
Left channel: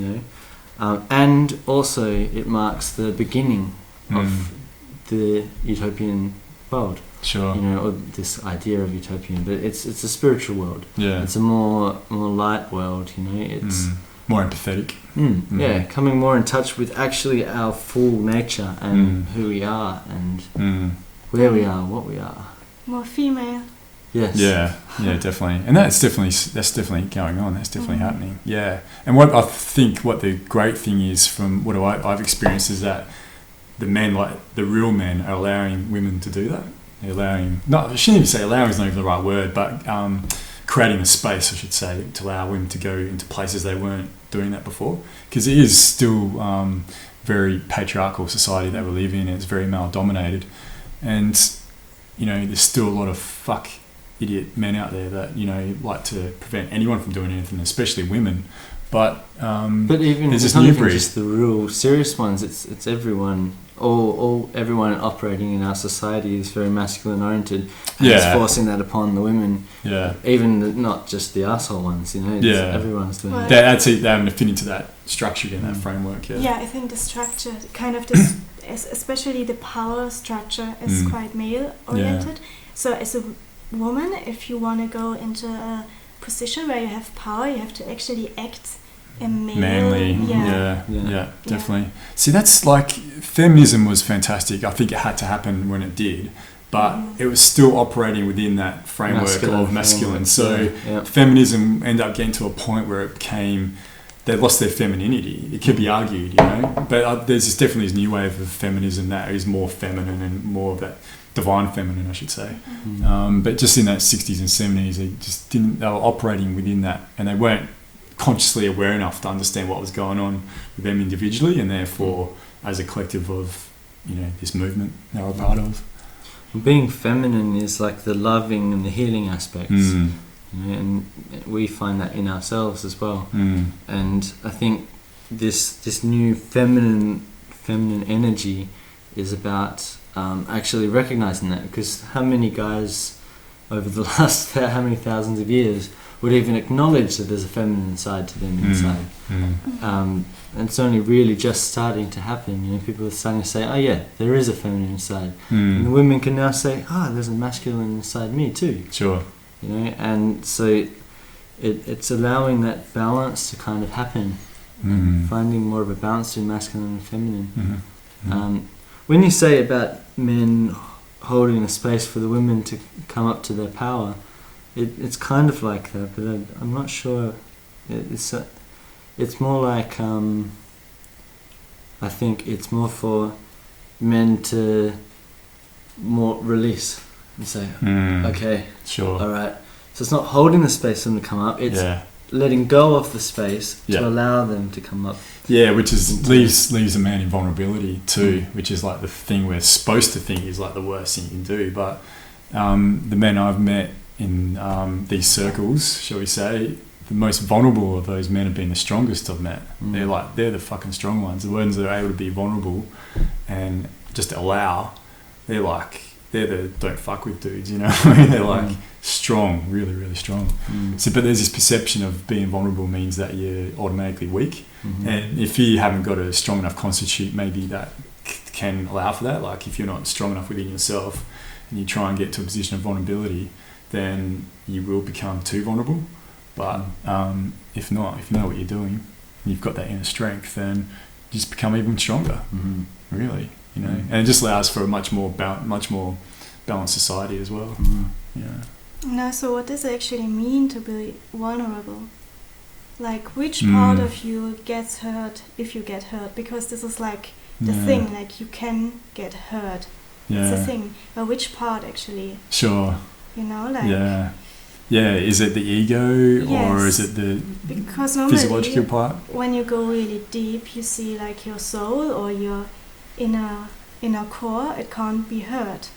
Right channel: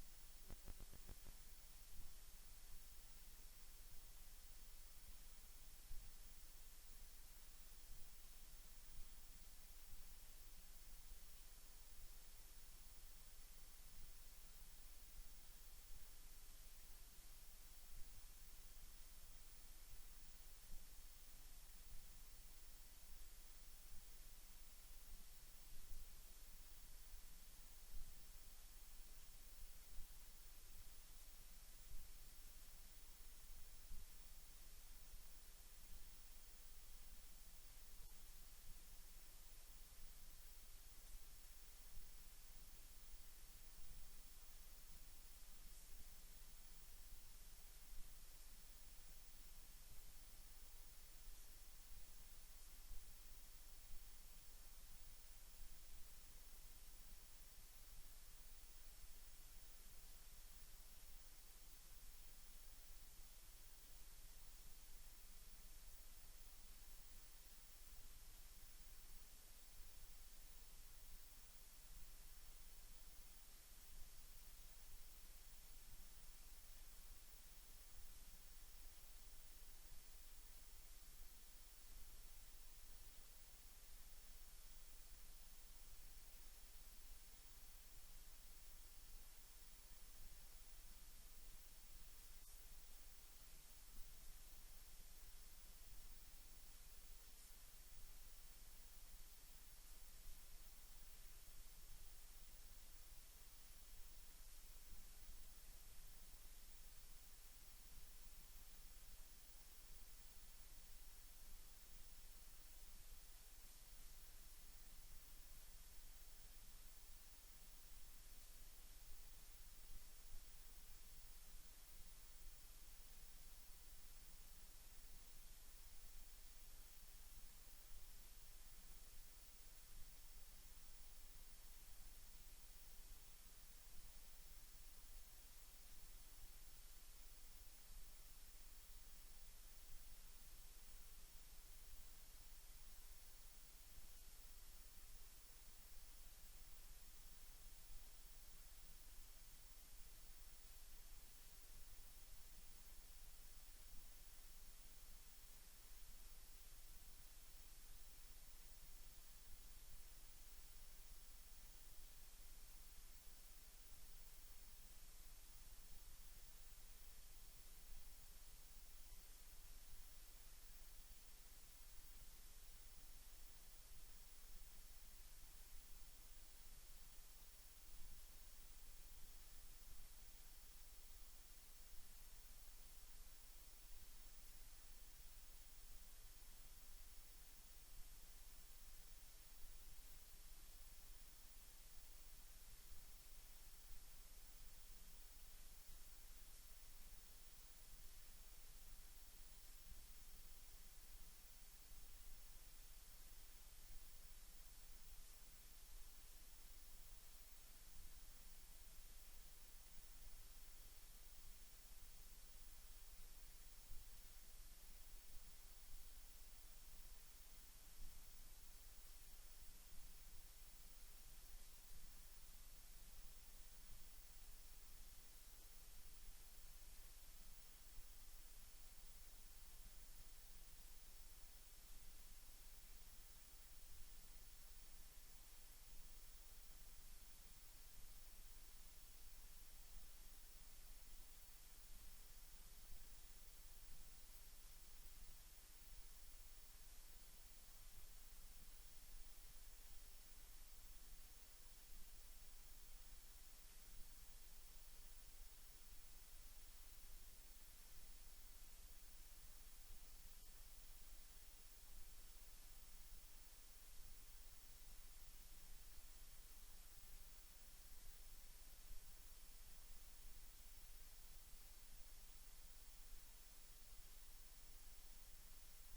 know, and also it marks the beginning of the utopian world. You know, or this idea of utopian, but it's a spiritual world. It's a more light world. You know, it's more empathetic. Yeah, coming more in touch with actually our full nature and who we are and where we are, what we are. More female. Yes. Yeah, definitely. And that's definitely going on. That's definitely happening. Yeah. And what I think what the great thing is from what I've experienced is that the men, like the real men, are allowing women to do that. They're allowing, I shouldn't even say allowing is not even the right word, but creating a space, I should say, to allow women to go into places they weren't doing that before. Because it is still very patriarchal society that we live in. It's very male dominated. And, you know, there's still a lot of idiot men out there that, you know, like to prevent anyone from doing anything, especially women. But even there's it's this not new even breed. just the real serious ones. It's everyone. Everyone operating in our society is very masculine oriented, and it's forcing that upon the women. Even not just the asshole ones, you know. Everyone's doing it. They haven't fit into that structure in that framework. I think the structure, kind of this, especially the power structure, is quite male oriented. So as a woman, if you want to go into a position where you have power, you have to actually act manly. Definitely. See, that's like feminism was fantastic. I think it had to happen when it did, but it was still operating within that framework of masculine. So feminism ended up getting to a point where it became, they lost their femininity. It could be argued, you know, but there's definitely this new wave of feminism that is more feminine and more of that divine feminine, I should say. But just in that 60s and 70s, they were operating within that, and they weren't consciously aware enough to understand what was going on with them individually, and therefore as a collective of, you know, this movement they were a part of. Being feminine is like the loving and the healing aspects, you know, and we find that in ourselves as well. And I think this new feminine energy is about actually recognizing that, because how many guys over the last how many thousands of years would even acknowledge that there's a feminine side to them inside? And it's only really just starting to happen. You know, people are starting to say, oh yeah, there is a feminine side. And the women can now say, there's a masculine side me too. Sure. You know, and so it's allowing that balance to kind of happen, finding more of a balance between masculine and feminine. When you say about men holding a space for the women to come up to their power, it's kind of like that, but I'm not sure. It's more like, I think it's more for men to more release and say, okay, sure, all right. So it's not holding the space for them to come up, it's letting go of the space to allow them to come up. Yeah, which is leaves a man in vulnerability too, which is like the thing we're supposed to think is like the worst thing you can do. But the men I've met in these circles, shall we say, the most vulnerable of those men have been the strongest I've met. They're the fucking strong ones, the ones that are able to be vulnerable and just allow. They're the don't fuck with dudes, you know. They're like strong, really, really strong. So, but there's this perception of being vulnerable means that you're automatically weak, and if you haven't got a strong enough constitute, maybe that can allow for that. Like if you're not strong enough within yourself and you try and get to a position of vulnerability, then you will become too vulnerable. But if not, if you know what you're doing, and you've got that inner strength, then you just become even stronger. Really, you know, and it just allows for a much more balanced society as well. Yeah. Now, so what does it actually mean to be vulnerable? Like, which part of you gets hurt if you get hurt? Because this is like the thing, like you can get hurt. It's the thing. But which part actually? Sure. You know, like... Yeah, is it the ego or is it the physiological part? When you go really deep, you see like your soul or your inner core, it can't be hurt.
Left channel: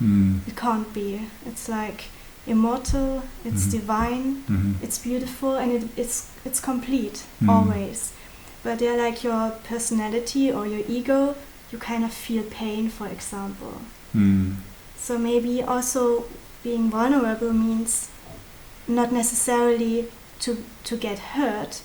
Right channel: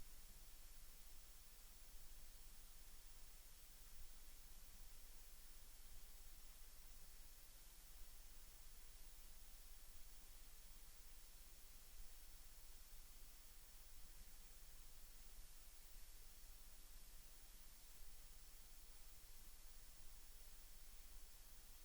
It can't be. It's like immortal, it's divine, it's beautiful, and it's complete, always. But they're like your personality or your ego, you kind of feel pain, for example. So maybe also being vulnerable means not necessarily to get hurt,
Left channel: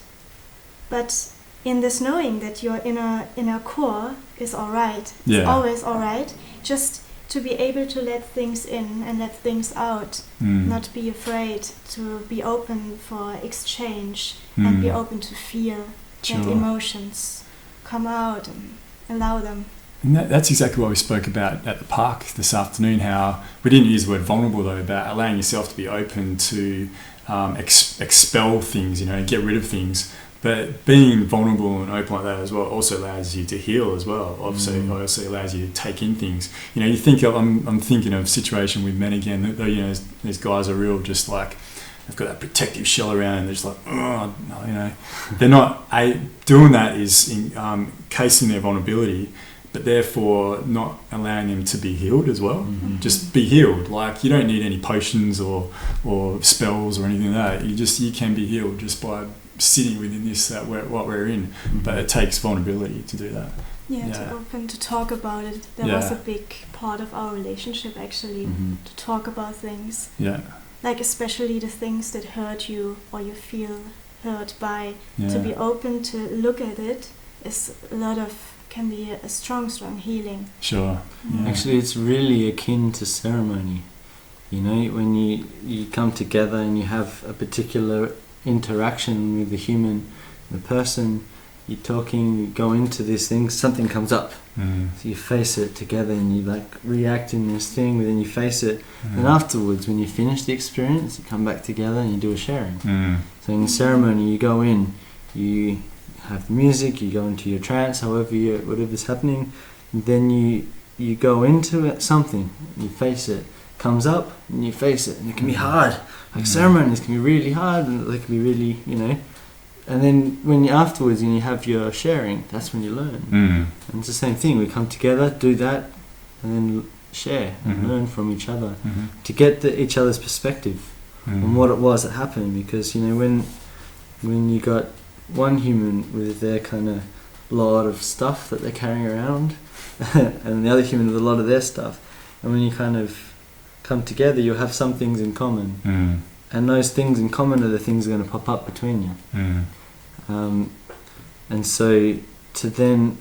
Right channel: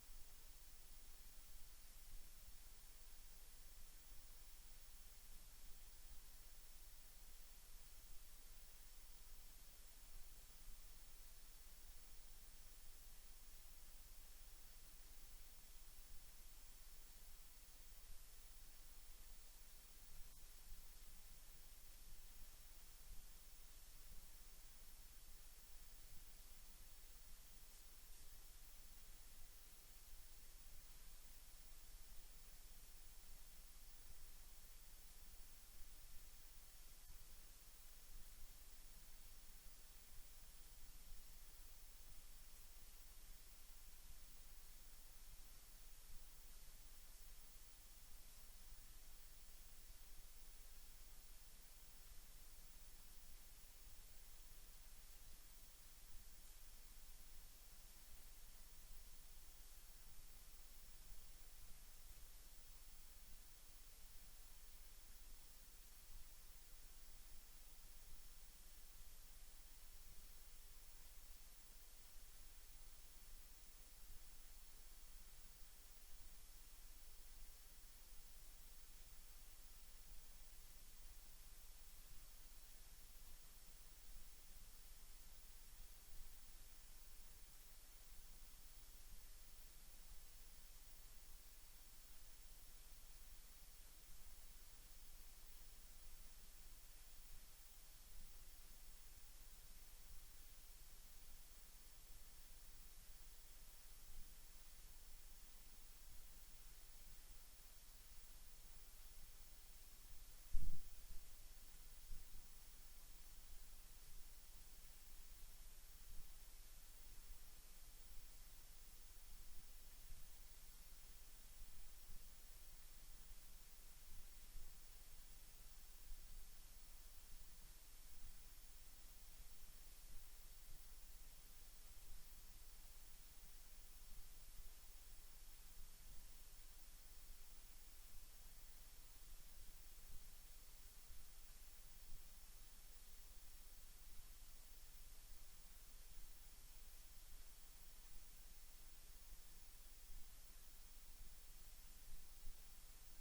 but in this knowing that your inner core is alright, it's always alright, just to be able to let things in and let things out, not be afraid, to be open for exchange and be open to feel that emotions come out and allow them. And that's exactly what we spoke about at the park this afternoon, how we didn't use the word vulnerable though, about allowing yourself to be open to expel things, you know, get rid of things. But being vulnerable and open like that as well also allows you to heal as well. Obviously, it also allows you to take in things. You know, you think of, I'm thinking of a situation with men again, that, you know, these guys are real just like, they've got that protective shell around and they're just like, oh, you know. They're not, doing that is casing their vulnerability, but therefore not allowing them to be healed as well. Just be healed. Like, you don't need any potions or spells or anything like that. You can be healed just by sitting within this, what we're in. But it takes vulnerability to do that. To open, to talk about it. That was a big part of our relationship, actually, to talk about things. Like especially the things that hurt you or you feel hurt by. To be open to look at it is can be a strong healing. Sure. Actually, it's really akin to ceremony. You know, when you come together and you have a particular interaction with the human, the person, you're talking, you go into this thing, something comes up. So you face it together and you like react in this thing, but then you face it. And afterwards, when you finish the experience, you come back together and you do a sharing. So in the ceremony, you go in, you have music, you go into your trance, whatever's happening, and then you go into it, something, you face it, comes up, and you face it, and it can be hard. Like ceremonies can be really hard, and they can be really, and then afterwards, when you have your sharing, that's when you learn. And it's the same thing. We come together, do that, and then share and learn from each other to get each other's perspective on what it was that happened. Because when you got one human with their kind of lot of stuff that they're carrying around, and the other human with a lot of their stuff, and when you kind of come together, you'll have some things in common, and those things in common are the things that are going to pop up between you. And so to then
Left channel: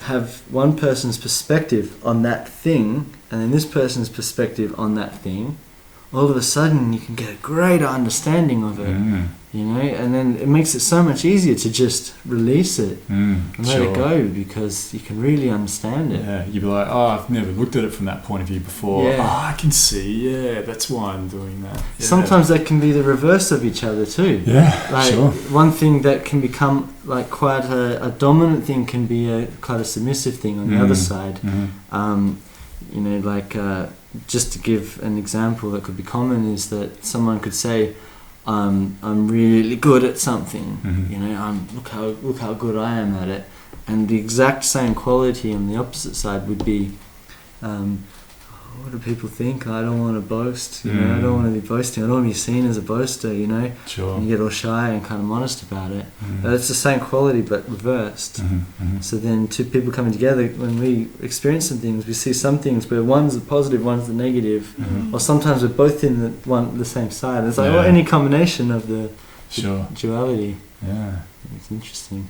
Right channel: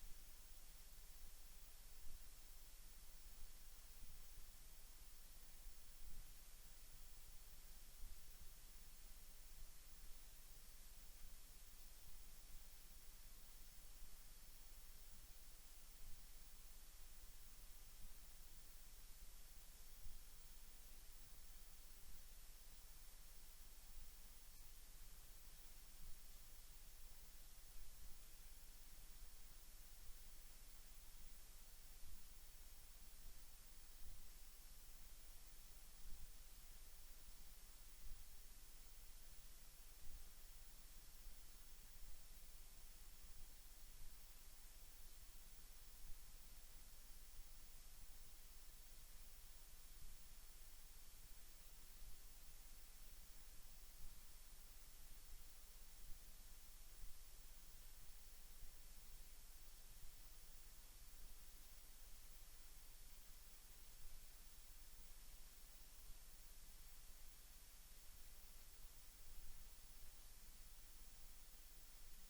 have one person's perspective on that thing and then this person's perspective on that thing, all of a sudden you can get a greater understanding of it, and then it makes it so much easier to just release it and let it go, because you can really understand it. Yeah, you'd be like, oh, I've never looked at it from that point of view before. Yeah. Oh, I can see, that's why I'm doing that. Yeah. Sometimes they can be the reverse of each other too. Yeah, like sure. One thing that can become like quite a dominant thing can be quite a submissive thing on the other side. Just to give an example that could be common is that someone could say, I'm really good at something, look how good I am at it, and the exact same quality on the opposite side would be, what do people think? I don't want to boast, I don't want to be boasting, I don't want to be seen as a boaster, Sure. And you get all shy and kind of modest about it. But it's the same quality but reversed. So then two people coming together, when we experience some things, we see some things where one's the positive, one's the negative, or sometimes we're both in the same side. It's like any combination of the duality. Yeah, it's interesting.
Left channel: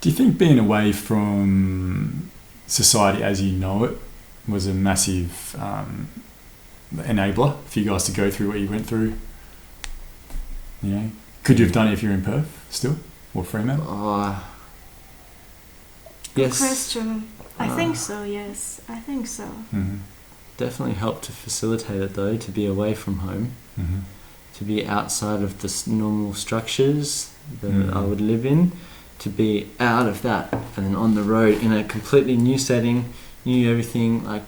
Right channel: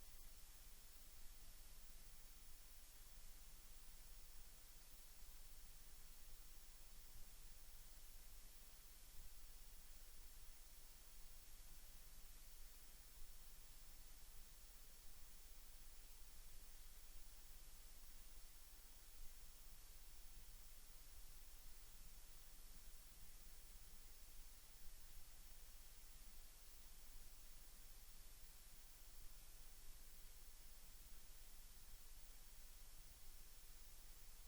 Do you think being away from society as you know it was a massive enabler for you guys to go through what you went through? Could you have done it if you were in Perth still, or Fremantle? Good question. I think so. Yes, I think so. Definitely helped to facilitate it though, to be away from home, to be outside of the normal structures that I would live in, to be out of that and then on the road in a completely new setting. Knew everything, like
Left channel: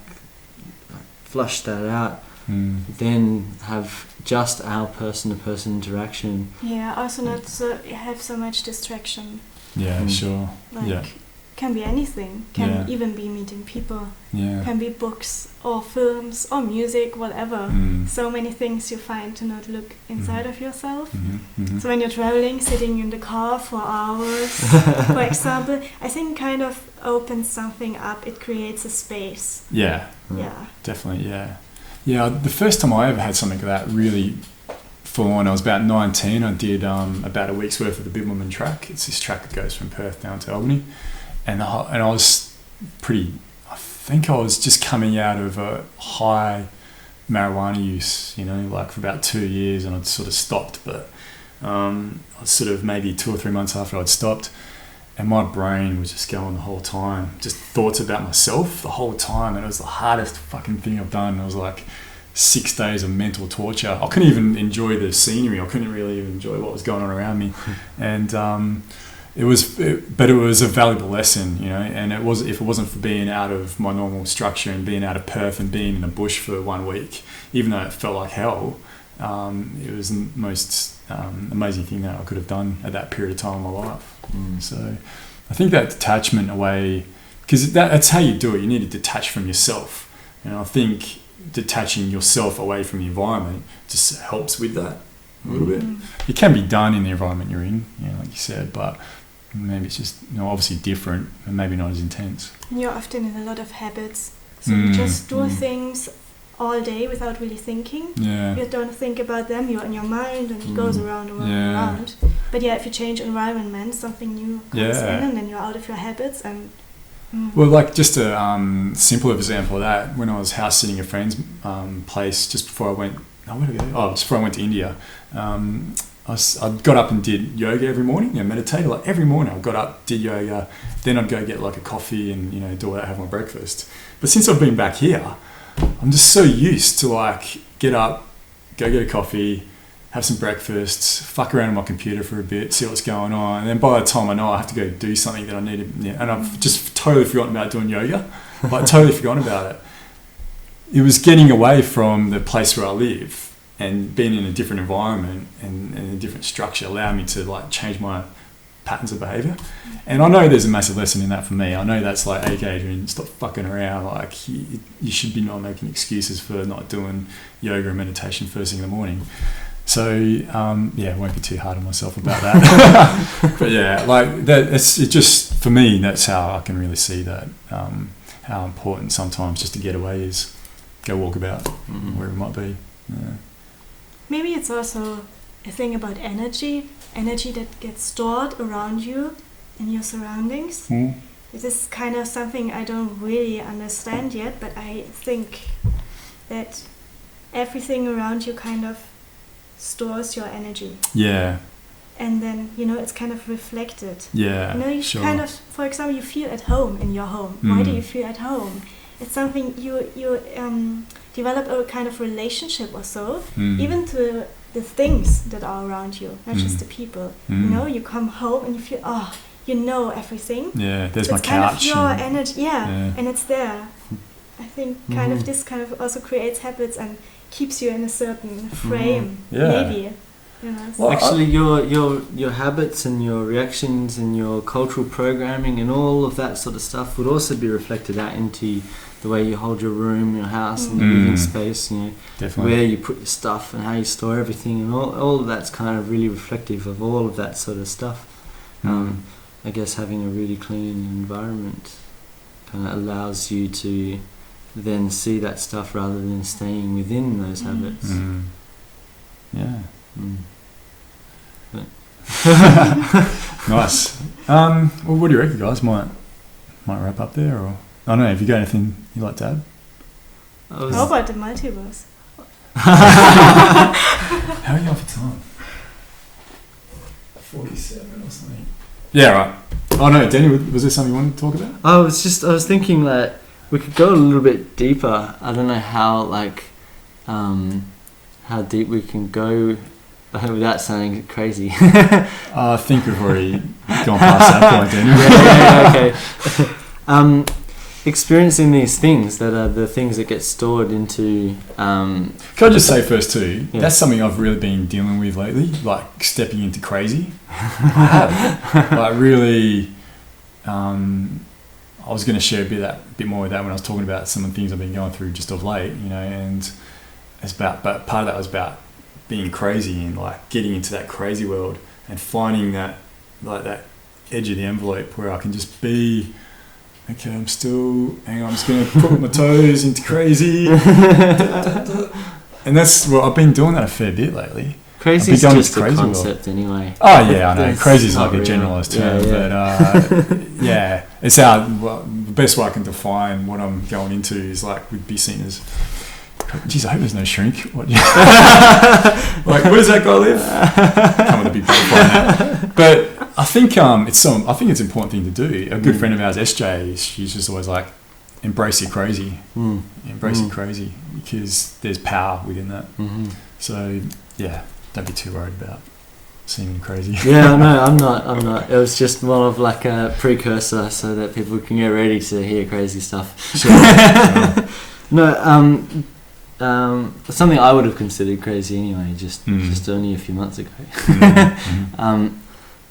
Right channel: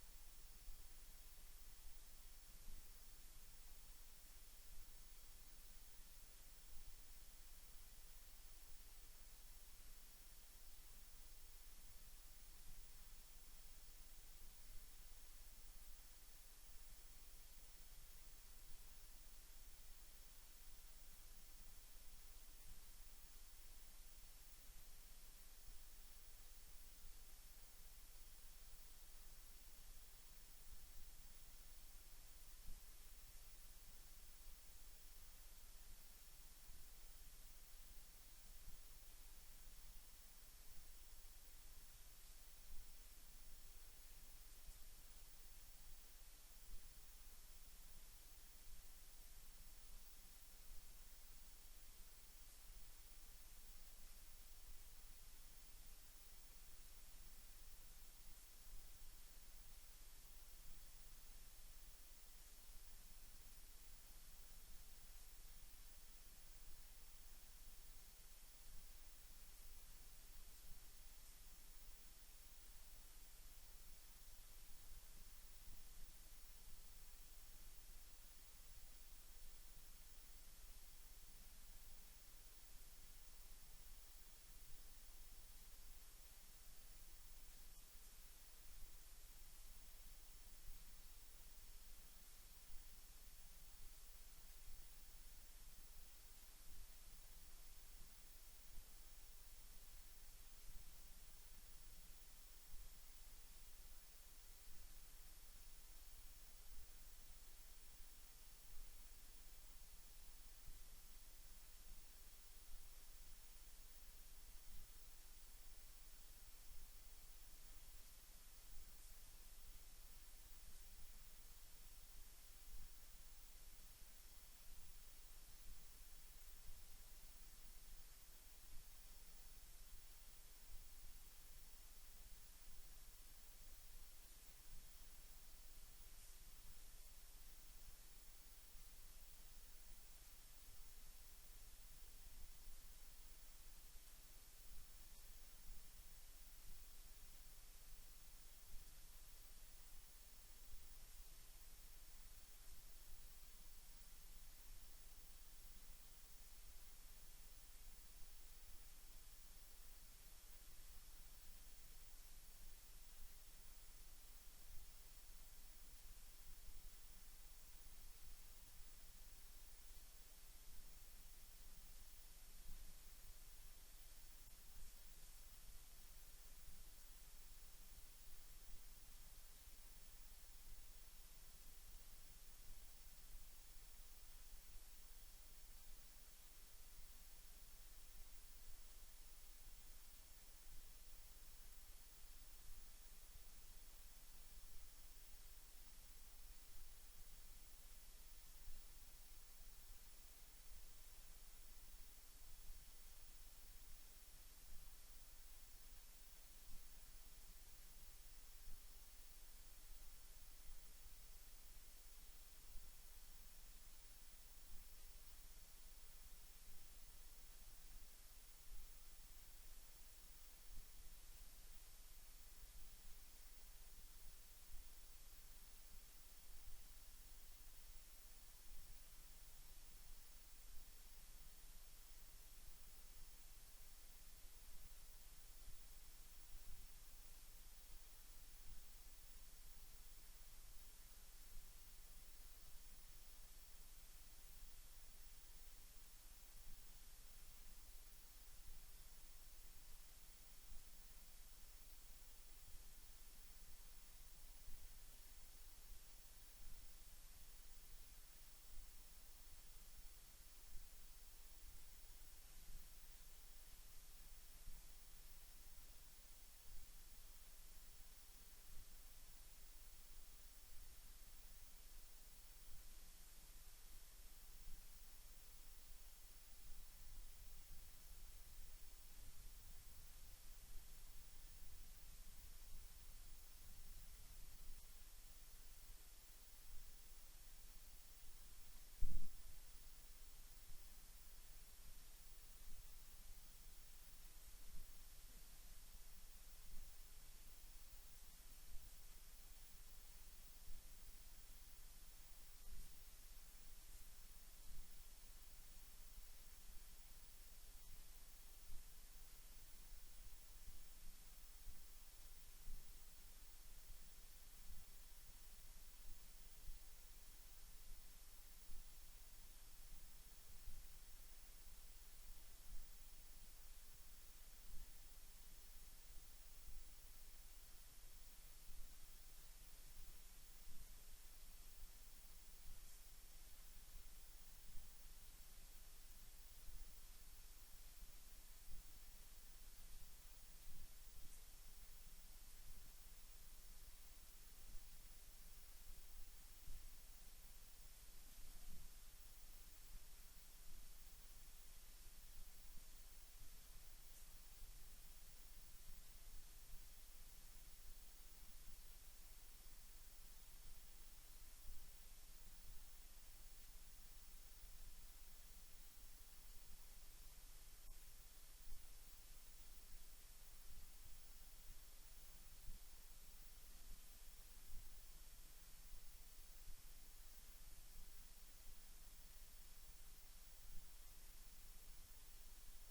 flush that out, then have just our person-to-person interaction. Yeah, also not have so much distraction. Yeah, sure. Can be anything. Can even be meeting people. Yeah. Can be books or films or music, whatever. So many things you find to not look inside of yourself. So when you're traveling, sitting in the car for hours, for example, I think kind of opens something up. It creates a space. Yeah. Definitely, Yeah, the first time I ever had something like that really full on, I was about 19. I did about a week's worth of the Bibbulmun track. It's this track that goes from Perth down to Albany. And I was I think I was just coming out of a high marijuana use, for about 2 years, and I'd sort of stopped, but I was sort of maybe 2 or 3 months after I'd stopped, and my brain was just going the whole time, just thoughts about myself the whole time, and it was the hardest fucking thing I've done. It was like 6 days of mental torture. I couldn't even enjoy the scenery. I couldn't really even enjoy what was going on around me, and it was a valuable lesson, and if it wasn't for being out of my normal structure and being out of Perth and being in the bush for 1 week, even though it felt like hell, it was the most amazing thing that I could have done at that period of time in my life. So I think that detachment away, because that's how you do it. You need to detach from yourself, and I think detaching yourself away from the environment just helps with that a little bit. It can be done in the environment you're in, like you said, but maybe it's just obviously different and maybe not as intense. You're often in a lot of habits, so you just do things all day without really thinking. You don't think about them, you're in your mind and it goes around and around. But if you change environment, something new comes in, and then you're out of your habits. And well, like just a simple example of that, when I was house sitting at a friend's place just before I went, just before I went to India, I got up and did yoga every morning, meditated. Like every morning I got up, did yoga, then I'd go get like a coffee and, do what I have my breakfast. But since I've been back here, I'm just so used to like get up, go get a coffee, have some breakfast, fuck around on my computer for a bit, see what's going on. And then by the time I know I have to go do something that I need to, and I've just totally forgotten about doing yoga, like totally forgotten about it. It was getting away from the place where I live and being in a different environment and a different structure allowed me to like change my patterns of behaviour. And I know there's a massive lesson in that for me. I know that's like, hey Adrian, stop fucking around. Like you should be not making excuses for not doing yoga and meditation first thing in the morning. So I won't be too hard on myself about that. But yeah, like that. It just for me. That's how I can really see that. How important sometimes just to get away is go walk about wherever it might be. Yeah. Maybe it's also a thing about energy that gets stored around you in your surroundings. This is kind of something I don't really understand yet, but I think that everything around you kind of stores your energy. Yeah. And then, it's kind of reflected. Yeah, you sure. kind of, for example, you feel at home in your home. Why do you feel at home? It's something you develop a kind of relationship or so, even to the things that are around you, not just the people. You come home and you feel, you know everything. Yeah, there's so my it's kind couch. of your energy, and it's there. I think kind of this kind of also creates habits and keeps you in a certain frame, maybe. Well, actually, your habits and your reactions and your cultural programming and all of that sort of stuff would also be reflected out into the way you hold your room, your house, and your living space. Definitely. Where you put your stuff and how you store everything, and all of that's kind of really reflective of all of that sort of stuff. I guess having a really clean environment kind of allows you to then see that stuff rather than staying within those habits. Yeah. But Nice. Well, what do you reckon, guys? Might wrap up there, or I don't know. Have you got anything you'd like to add? How about the multiverse? How are you on for time? 47 or something. Yeah, right. Oh no, Danny, was there something you wanted to talk about? I was thinking that we could go a little bit deeper. I don't know how deep we can go without sounding crazy. I think we've already gone past that point, Daniel. Okay. Experiencing these things that are the things that get stored into... Can I just say first too, that's something I've really been dealing with lately, like stepping into crazy. Like really... I was going to share a bit more of that when I was talking about some of the things I've been going through just of late, and but part of that was about being crazy and like getting into that crazy world and finding that edge of the envelope where I can just be, okay, I'm just going to put my toes into crazy. And that's, I've been doing that a fair bit lately. Crazy is just a concept anyway. Oh yeah, I know. Crazy is like a generalised term, but it's the best way I can define what I'm going into is like would be seen as. Geez, I hope there's no shrink. What? Like, where does that guy live? Come with a big butterfly now. But I think it's an important thing to do. A good friend of ours, SJ, she's just always like, embrace your crazy, embrace your crazy, because there's power within that. So yeah. Don't be too worried about seeming crazy. Yeah, no, I'm not. It was just more of like a precursor so that people can get ready to hear crazy stuff. Sure. No, something I would have considered crazy anyway, just only a few months ago.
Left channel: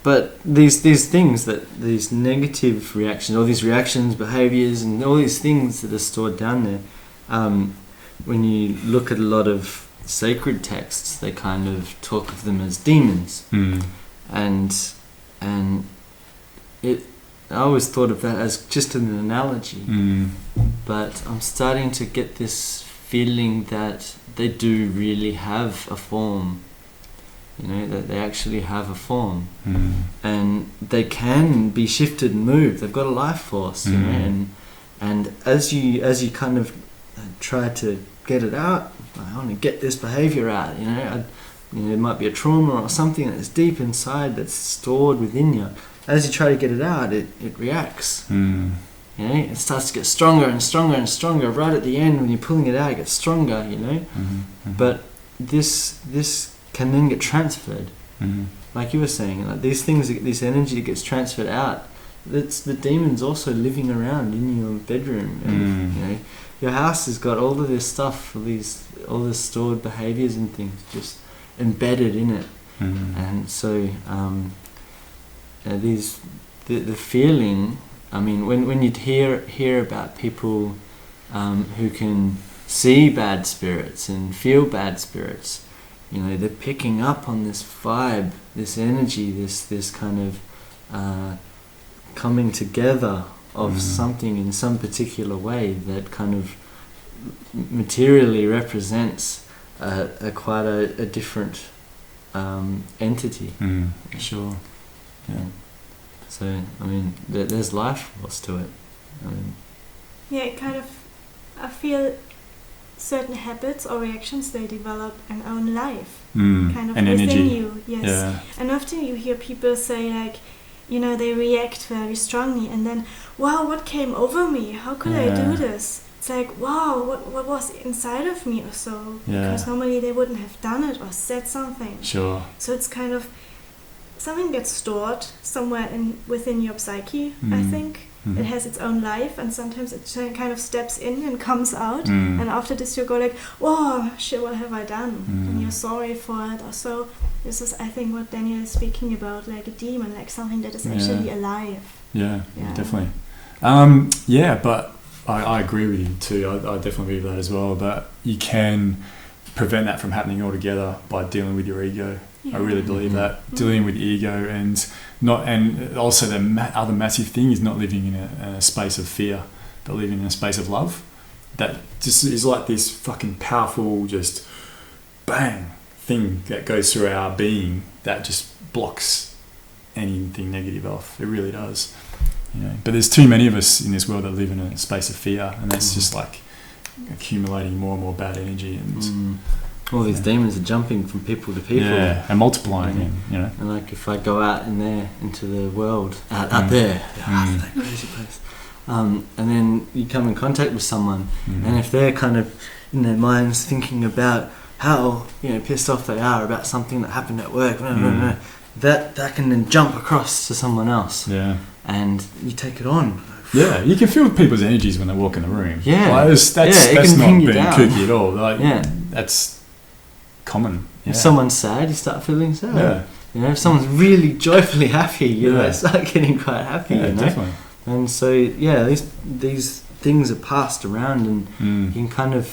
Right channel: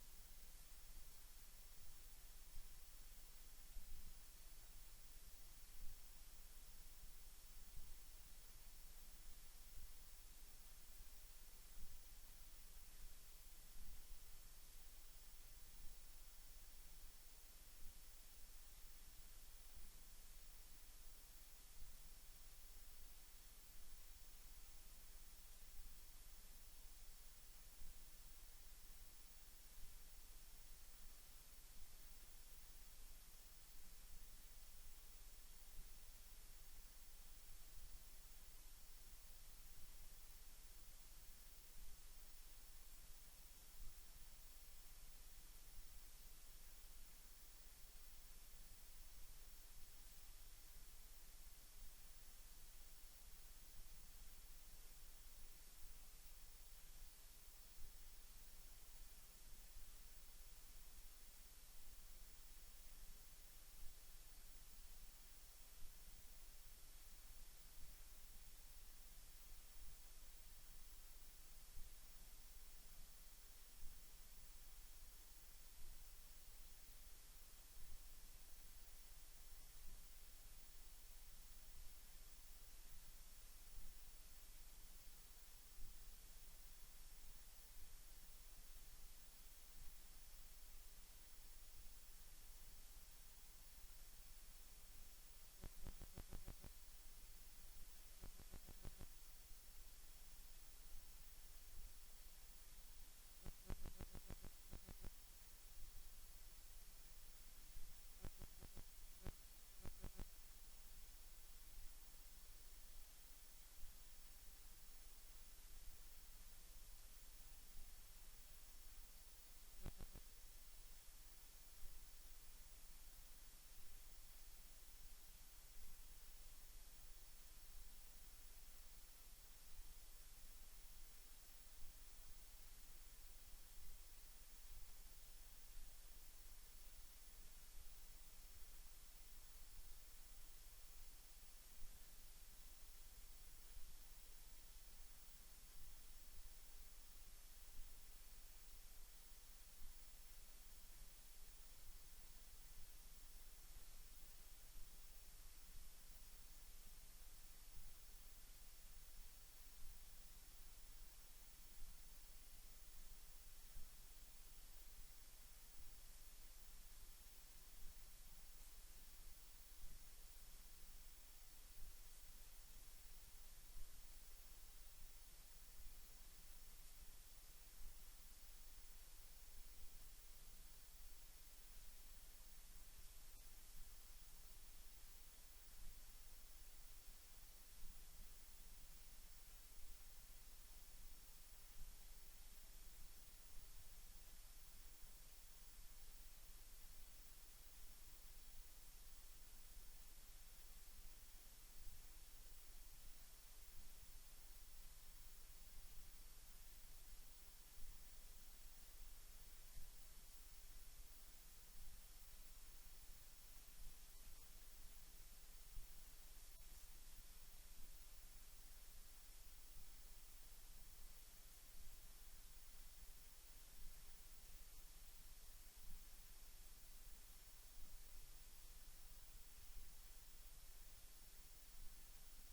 But these things, these negative reactions, all these reactions, behaviours, and all these things that are stored down there, when you look at a lot of sacred texts, they kind of talk of them as demons, and I always thought of that as just an analogy, but I'm starting to get this feeling that they do really have a form, that they actually have a form, and they can be shifted and moved. They've got a life force, and as you kind of try to get it out, I want to get this behaviour out, it might be a trauma or something that's deep inside that's stored within you. As you try to get it out, it reacts. It starts to get stronger and stronger and stronger. Right at the end, when you're pulling it out, it gets stronger. But this can then get transferred. Like you were saying, like these things, this energy that gets transferred out. That's the demons also living around in your bedroom. And, your house has got all of this stuff, all the stored behaviors and things just embedded in it. And so the feeling. I mean, when you hear about people who can see bad spirits and feel bad spirits, they're picking up on this vibe, this energy, this kind of coming together of something in some particular way that kind of materially represents quite a different entity. Sure. Yeah. So, I mean, there's life force to it. It kind of, I feel certain habits or reactions, they develop an own life. Kind of and within energy. you. Yes. Yeah. And often you hear people say like, they react very strongly and then, wow, what came over me? How could I do this? It's like, wow, what was inside of me or so? Because normally they wouldn't have done it or said something. Sure. So it's kind of, something gets stored somewhere within your psyche, I think. It has its own life, and sometimes it kind of steps in and comes out. And after this, you go like, "Whoa, shit! What have I done?" And you're sorry for it. Or so. This is, I think, what Daniel is speaking about, like a demon, like something that is actually alive. Yeah, definitely. But I agree with you too. I definitely believe that as well. But you can prevent that from happening altogether by dealing with your ego. I really believe that, dealing with ego and also the other massive thing is not living in a space of fear, but living in a space of love. That just is like this fucking powerful, just bang thing that goes through our being that just blocks anything negative off. It really does. But there's too many of us in this world that live in a space of fear, and that's just like accumulating more and more bad energy and. All these demons are jumping from people to people. Yeah, and multiplying, And like if I go out in there, into the world, out there, that crazy place, and then you come in contact with someone, and if they're kind of in their minds thinking about how pissed off they are about something that happened at work, that can then jump across to someone else. Yeah. And you take it on. Yeah, you can feel people's energies when they walk in the room. Yeah. Like, that's not being kooky at all. Like, that's common. Yeah. If someone's sad, you start feeling sad. Yeah. If someone's really joyfully happy, you start getting quite happy. Yeah, definitely. And so, these things are passed around, and you can kind of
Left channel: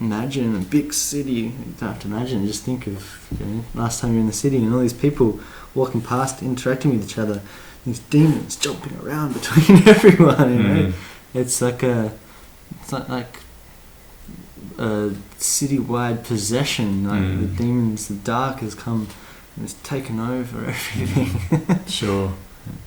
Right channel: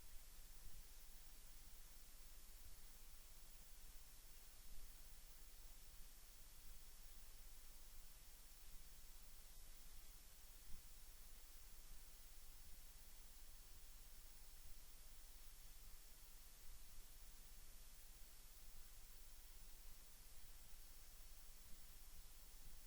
imagine a big city. You don't have to imagine, just think of last time you're in the city and all these people walking past, interacting with each other, these demons jumping around between everyone. It's like a citywide possession. Like the demons, the dark has come and it's taken over everything. Sure.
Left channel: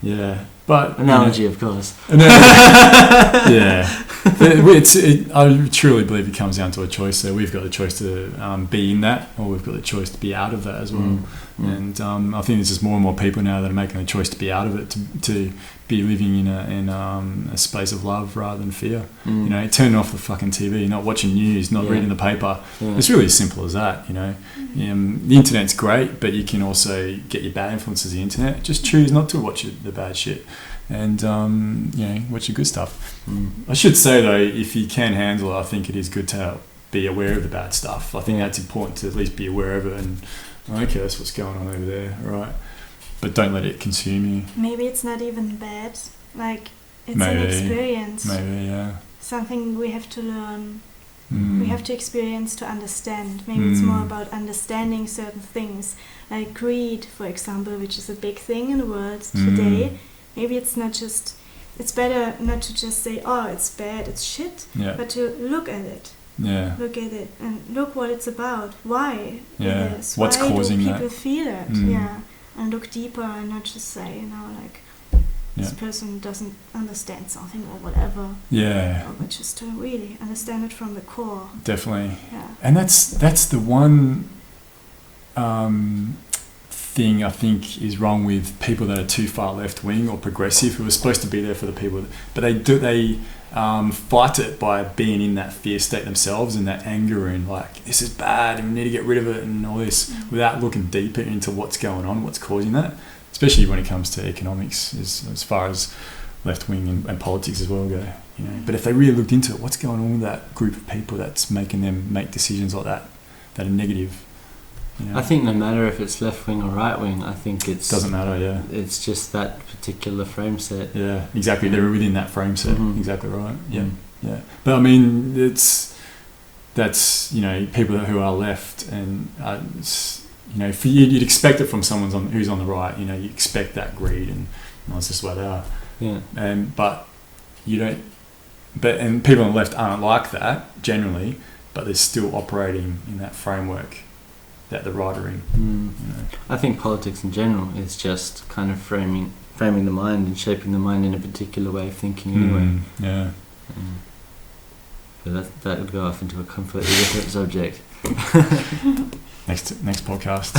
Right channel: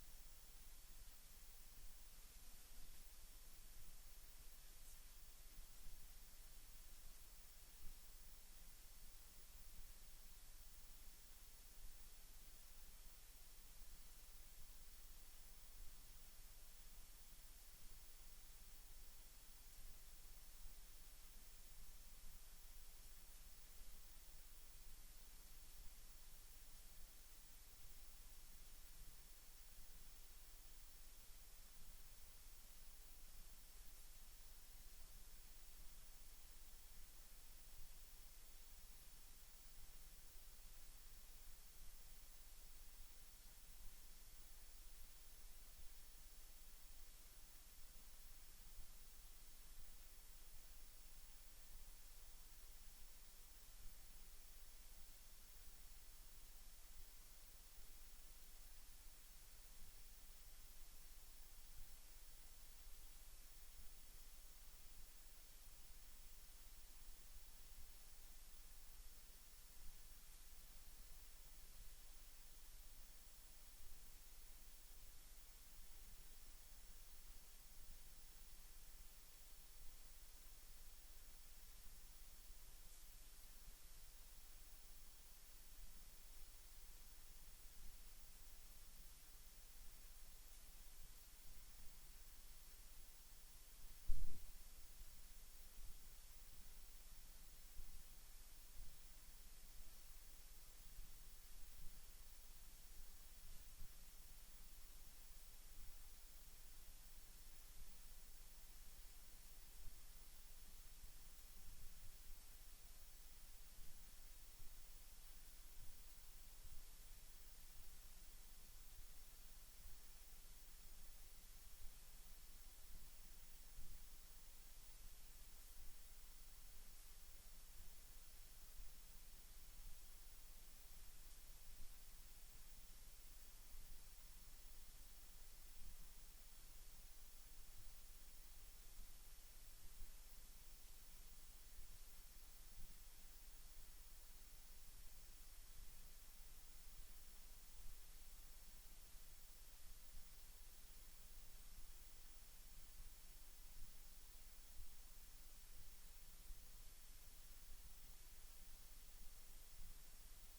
Yeah. But analogy, of course. Yeah. I truly believe it comes down to a choice. So we've got the choice to be in that, or we've got the choice to be out of that as well. And I think there's just more and more people now that are making the choice to be out of it, to be living in a space of love rather than fear. Turning off the fucking TV, not watching news, not reading the paper. It's really as simple as that. The internet's great, but you can also get your bad influences of the internet. Just choose not to watch the bad shit, and watch the good stuff. I should say though, if you can handle it, I think it is good to be aware of the bad stuff. I think that's important, to at least be aware of it and okay, that's what's going on over there, right? But don't let it consume you. Maybe it's not even bad. Like, it's an experience. Maybe, yeah. Something we have to learn. We have to experience to understand. Maybe it's more about understanding certain things. Like greed, for example, which is a big thing in the world today. Maybe it's better not to just say, oh, it's bad, it's shit, but to look at it. Yeah. Look at it and look what it's about. Why it is. What's causing that? Why do people feel it? Yeah. And look deeper and not just say, this person doesn't understand something or whatever. Yeah. But just to really understand it from the core. Definitely. Yeah. And that's the one thing I think is wrong with people that are too far left wing or progressive, who are supposed to be there for the people, but they fight it by being in that fear state themselves and that anger and like, this is bad and we need to get rid of it and all this, without looking deeper into what's going on, what's causing that, especially when it comes to economics, as far as left wing and politics as well go. You know, but if they really looked into it, what's going on with that group of people that's making them make decisions like that are negative? You know? I think no matter if it's left wing or right wing, I think it's doesn't matter. Yeah, it's just that particular frame set. Yeah, exactly. They're within that frame set. Mm-hmm. Exactly right. Yeah, yeah. But I mean, that's you know, people who are left, and you know, you'd expect it from someone who's on the right. You know, you expect that greed, and that's just the way they are. Yeah. But you don't. And people on the left aren't like that generally, but they're still operating in that framework that the right are in. You know. I think politics in general is just kind of framing the mind and shaping the mind in a particular way of thinking anyway. Yeah. But that would go off into a completely different subject. Next podcast.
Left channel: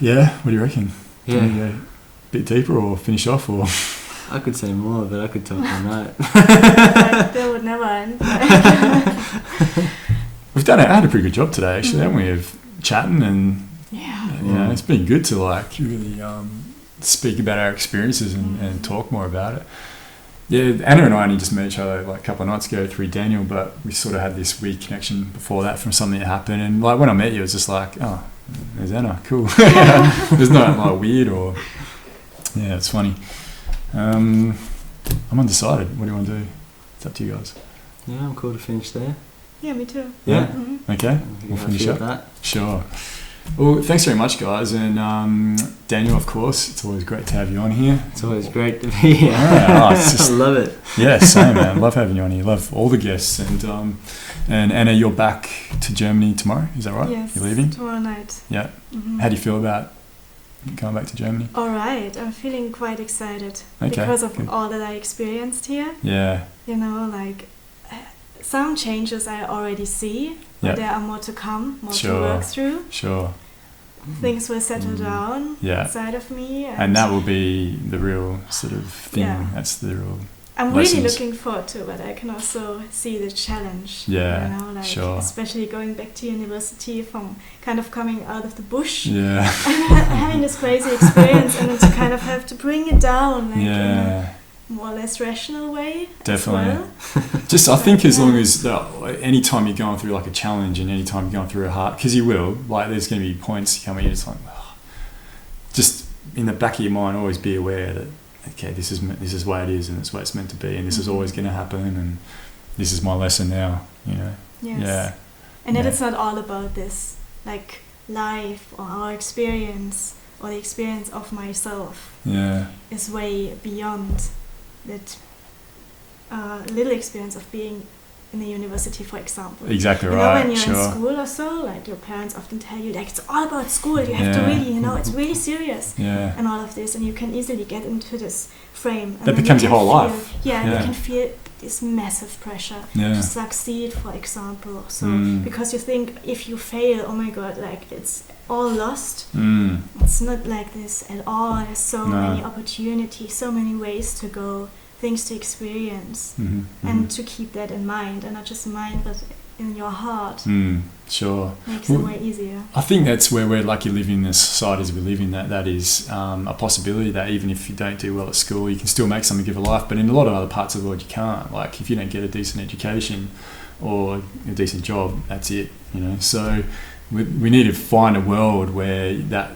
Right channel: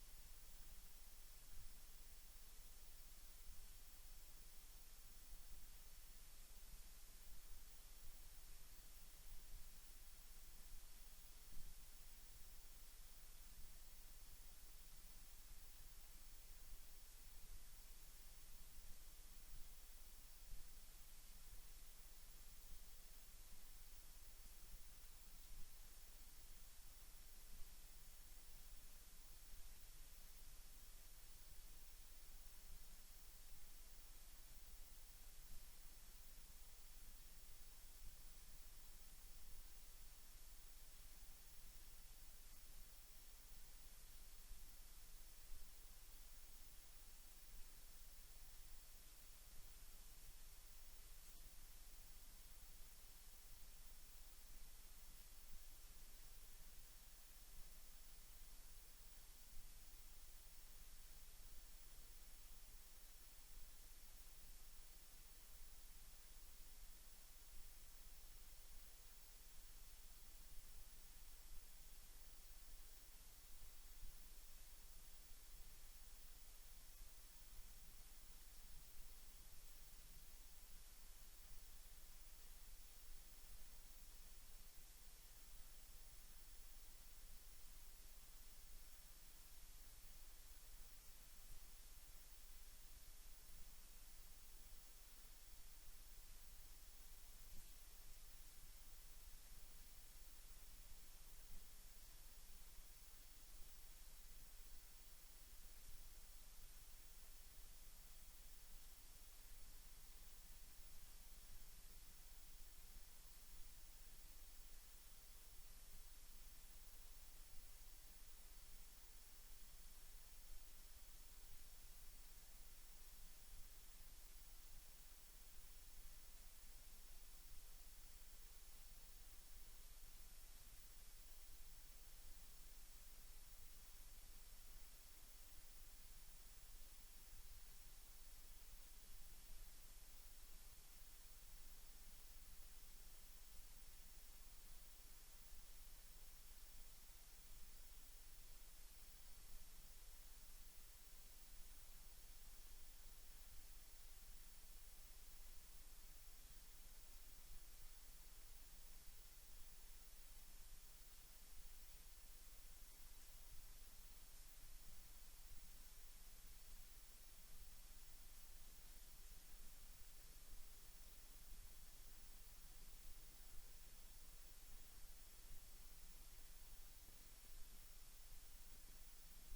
Yeah, what do you reckon? Yeah. Can we go a bit deeper or finish off, or? I could say more, but I could talk all night. Like, that would never end. We've had a pretty good job today, actually, haven't we? Of chatting and you know, it's been good to like really speak about our experiences and talk more about it. Yeah, Anna and I only just met each other like a couple of nights ago through Daniel, but we sort of had this weird connection before that from something that happened. And like when I met you, it was just like, oh, there's Anna, cool. There's not like weird or it's funny. I'm undecided. What do you want to do? It's up to you guys. Yeah, I'm cool to finish there. Yeah, me too. Yeah. Mm-hmm. Okay. We'll finish up. That. Sure. Well, thanks very much, guys, and Daniel, of course. It's always great to have you on here. It's always great to be here. Yeah, it's just, I love it. Yeah, same, man. Love having you on here. Love all the guests, and Anna, you're back to Germany tomorrow. Is that right? Yes. You're leaving tomorrow night. Yeah. Mm-hmm. How do you feel about going back to Germany? All right, I'm feeling quite excited because of all that I experienced here. Yeah. You know, like some changes I already see, but there are more to come, more to work through. Sure. Things will settle down inside of me. And that will be the real sort of thing. Yeah. That's the real I'm lessons. really looking forward to it, but I can also see the challenge. Yeah, you know, like sure. Especially going back to university from kind of coming out of the bush. Yeah. Having this crazy experience and then to kind of have to bring it down like in a more or less rational way. Definitely. As well. Just I think as long as any time you're going through like a challenge and any time you're going through a hard, because you will, like there's going to be points coming in, it's like, just in the back of your mind always be aware that okay, this is the way it is and it's the way it's meant to be and this is always going to happen and this is my lesson now, you know. Yes. Yeah. And then it's not all about this like life or our experience or the experience of myself. Yeah. Is way beyond that little experience of being in the university, for example. Exactly you right. know, when you're sure. in school or so, like your parents often tell you, like it's all about school. You have to really, you know, it's really serious. Yeah. And all of this, and you can easily get into this frame. And that becomes your whole life. Yeah, and you can feel this massive pressure to succeed, for example. So because you think if you fail, oh my god, like it's all lost. It's not like this at all. There's so many opportunities, so many ways to go, things to experience, and to keep that in mind, and not just mind, but in your heart. Sure. Makes it way easier. I think that's where we're lucky living in the societies we live in, that is a possibility that even if you don't do well at school, you can still make something of your life, but in a lot of other parts of the world you can't. Like if you don't get a decent education or a decent job, that's it, you know. So we need to find a world where that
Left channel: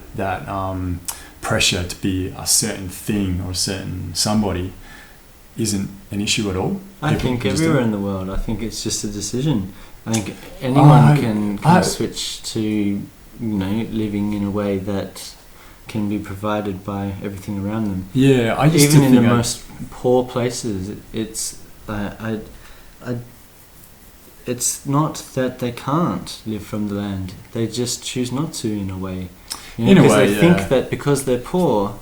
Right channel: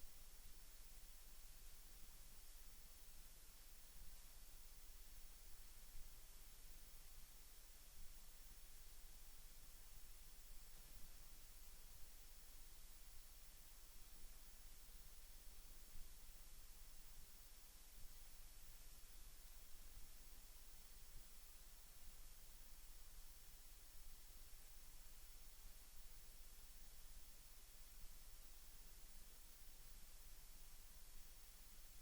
pressure to be a certain thing or a certain somebody isn't an issue at all. I think everywhere in the world, I think it's just a decision. I think anyone can switch to, you know, living in a way that can be provided by everything around them. Yeah, I used even to in think the most poor places, it's it's not that they can't live from the land; they just choose not to, in a way. You know, in a because way, they think that because they're poor,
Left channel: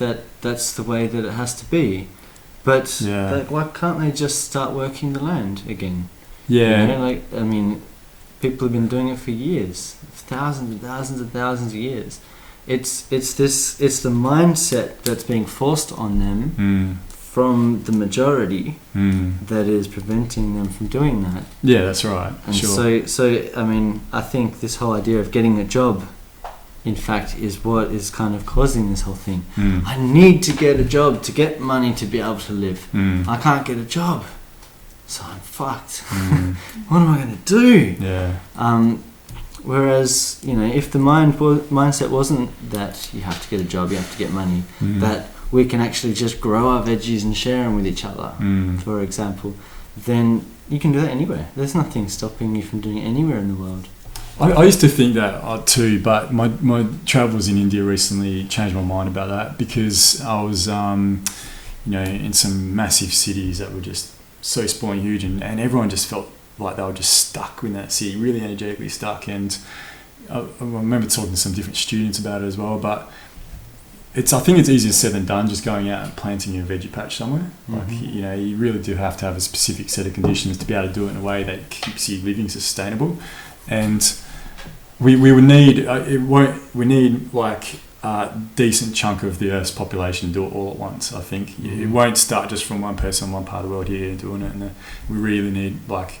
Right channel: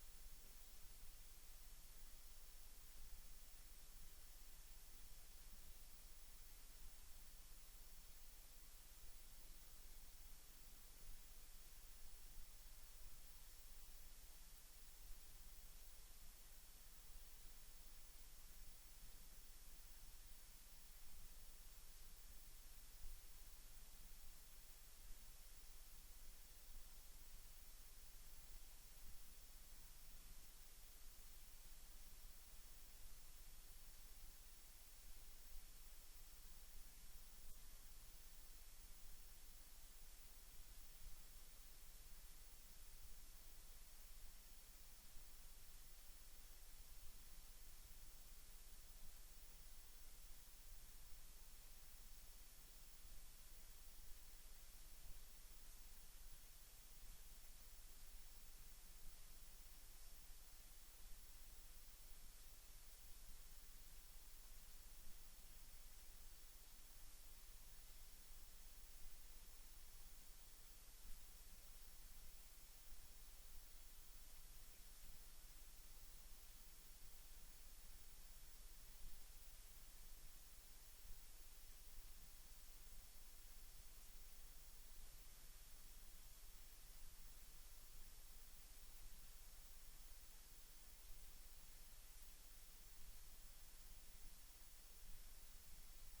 that's the way that it has to be. But like, why can't they just start working the land again? Yeah. You know, like, I mean, People have been doing it for years, thousands and thousands and thousands of years. It's the mindset that's being forced on them from the majority that is preventing them from doing that. Yeah, that's right. And sure. so I mean, I think this whole idea of getting a job, in fact, is what is kind of causing this whole thing. I need to get a job to get money to be able to live. I can't get a job, so I'm fucked. What am I going to do? Yeah. Whereas, you know, if the mindset wasn't that you have to get a job, you have to get money, that we can actually just grow our veggies and share them with each other, for example, then you can do that anywhere. There's nothing stopping you from doing it anywhere in the world. I used to think that too, but my travels in India recently changed my mind about that, because I was, in some massive cities that were just so sprawling huge, and everyone just felt like they were just stuck in that city, really energetically stuck. And I remember talking to some different students about it as well, but I think it's easier said than done, just going out and planting a veggie patch somewhere. Like, you really do have to have a specific set of conditions to be able to do it in a way that keeps you living sustainable. And we would need like a decent chunk of the Earth's population to do it all at once. I think it won't start just from one person in one part of the world here doing it, and we really need like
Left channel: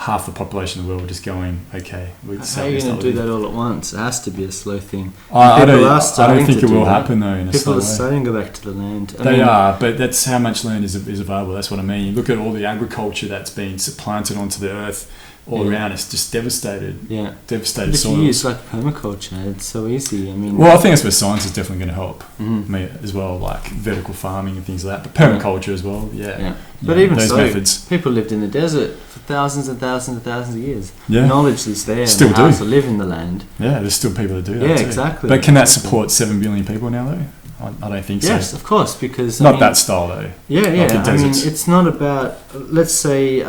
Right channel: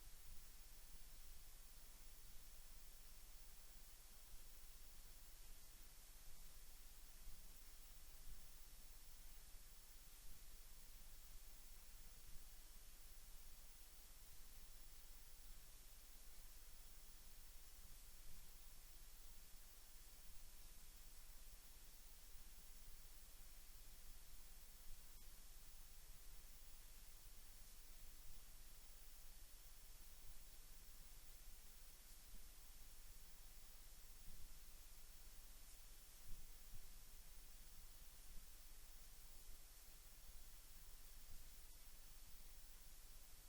half the population of the world just going, okay, how are you going to do that all at once? It has to be a slow thing. I don't think it will happen though in a slow way. People are starting to go back to the land. They are, but that's how much land is available. That's what I mean. You look at all the agriculture that's been supplanted onto the earth all around. It's just devastated. Yeah, devastated if soils. you use like permaculture, it's so easy. I mean, well, I think that's where science is definitely going to help me as well, like vertical farming and things like that. But permaculture as well, But even those so, methods. People lived in the desert for thousands and thousands and thousands of years. Yeah. Knowledge is there. Still and do. how to live in the land. Yeah, there's still people that do that. Yeah, too. exactly. But can that support 7 billion people now though? I don't think so. Yes, of course, because not that style though. Yeah. Like I mean, it's not about. Let's say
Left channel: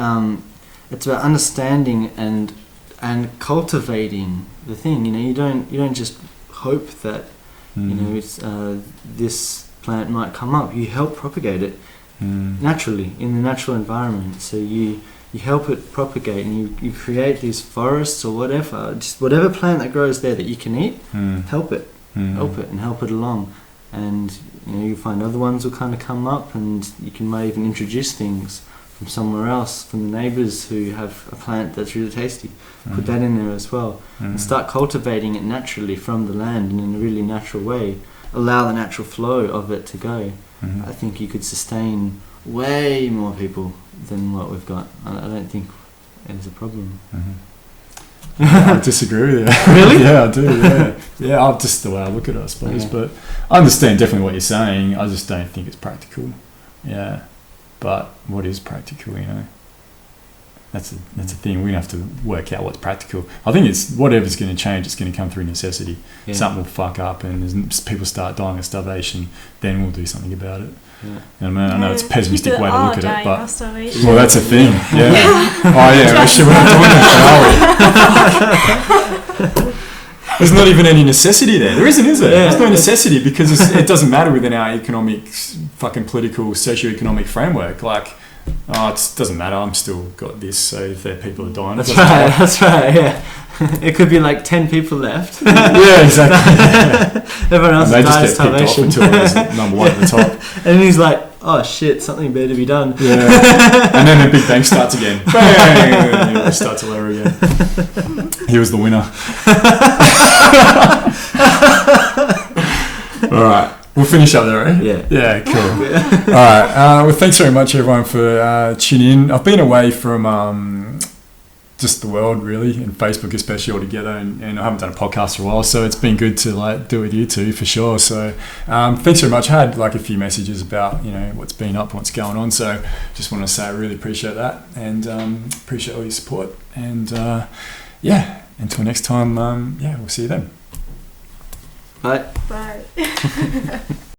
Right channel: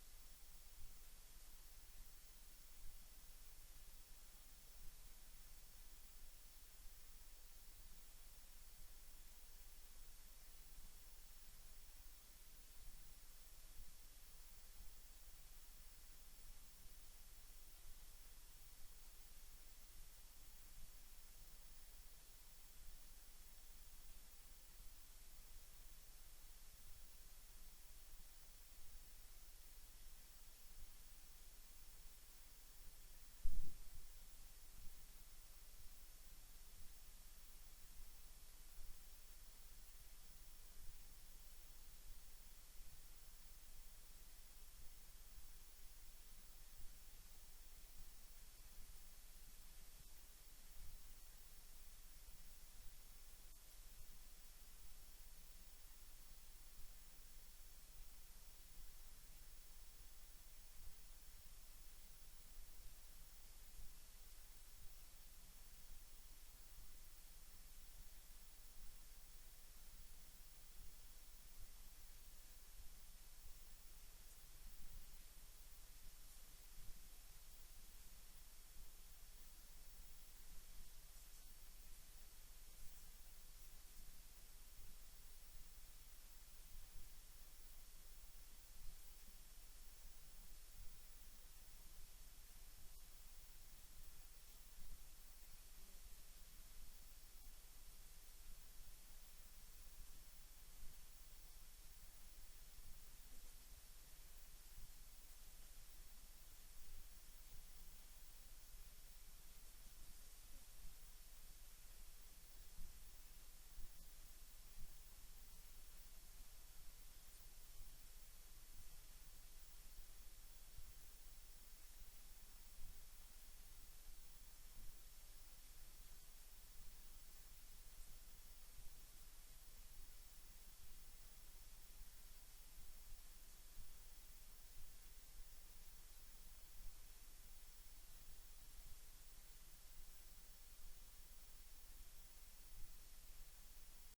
it's about understanding and cultivating the thing. You know, you don't just hope that it's this plant might come up. You help propagate it naturally in the natural environment. So you help it propagate, and you create these forests or whatever, just whatever plant that grows there that you can eat. Help it, help it, and help it along. And you find other ones will kind of come up, and you might even introduce things from somewhere else, from the neighbours who have a plant that's really tasty. Put that in there as well, and start cultivating it naturally from the land and in a really natural way. Allow the natural flow of it to go. I think you could sustain way more people than what we've got. I don't think it's a problem. I disagree with you. Really? Yeah, I do. Yeah, I'm just the way I look at it, I suppose. Yeah. But I understand definitely what you're saying. I just don't think it's practical. Yeah, but what is practical? That's a thing. We have to work out what's practical. I think it's whatever's going to change. It's going to come through necessity. Yeah. Something will fuck up, and as people start dying of starvation, then we'll do something about it. Yeah. I know it's a pessimistic way to look at it, but that's a thing. Yeah. Actually, we're not doing that. There's not even any necessity there. There isn't, is there? There's no necessity, because it doesn't matter within our economic, fucking political, socio-economic framework. Like, it doesn't matter. I'm still got this. So if there are people are dying, that's right. Yeah. It could be like 10 people left. Yeah, exactly. Everyone else died of starvation until there's number one at the top. And he's like, oh shit, something better be done. Yeah. And then the Big Bang starts again. Bang! And it starts all over again. He was the winner. All right. We'll finish up there, right? Yeah. Yeah, cool. All right. Well, thanks very much, everyone, for tuning in. I've been away from just the world, really, and Facebook especially altogether, and I haven't done a podcast for a while, so it's been good to do it with you two for sure. So thanks very much. I had a few messages about what's been up, what's going on. So just want to say I really appreciate that, and appreciate all your support. And until next time, we'll see you then. Bye. Bye.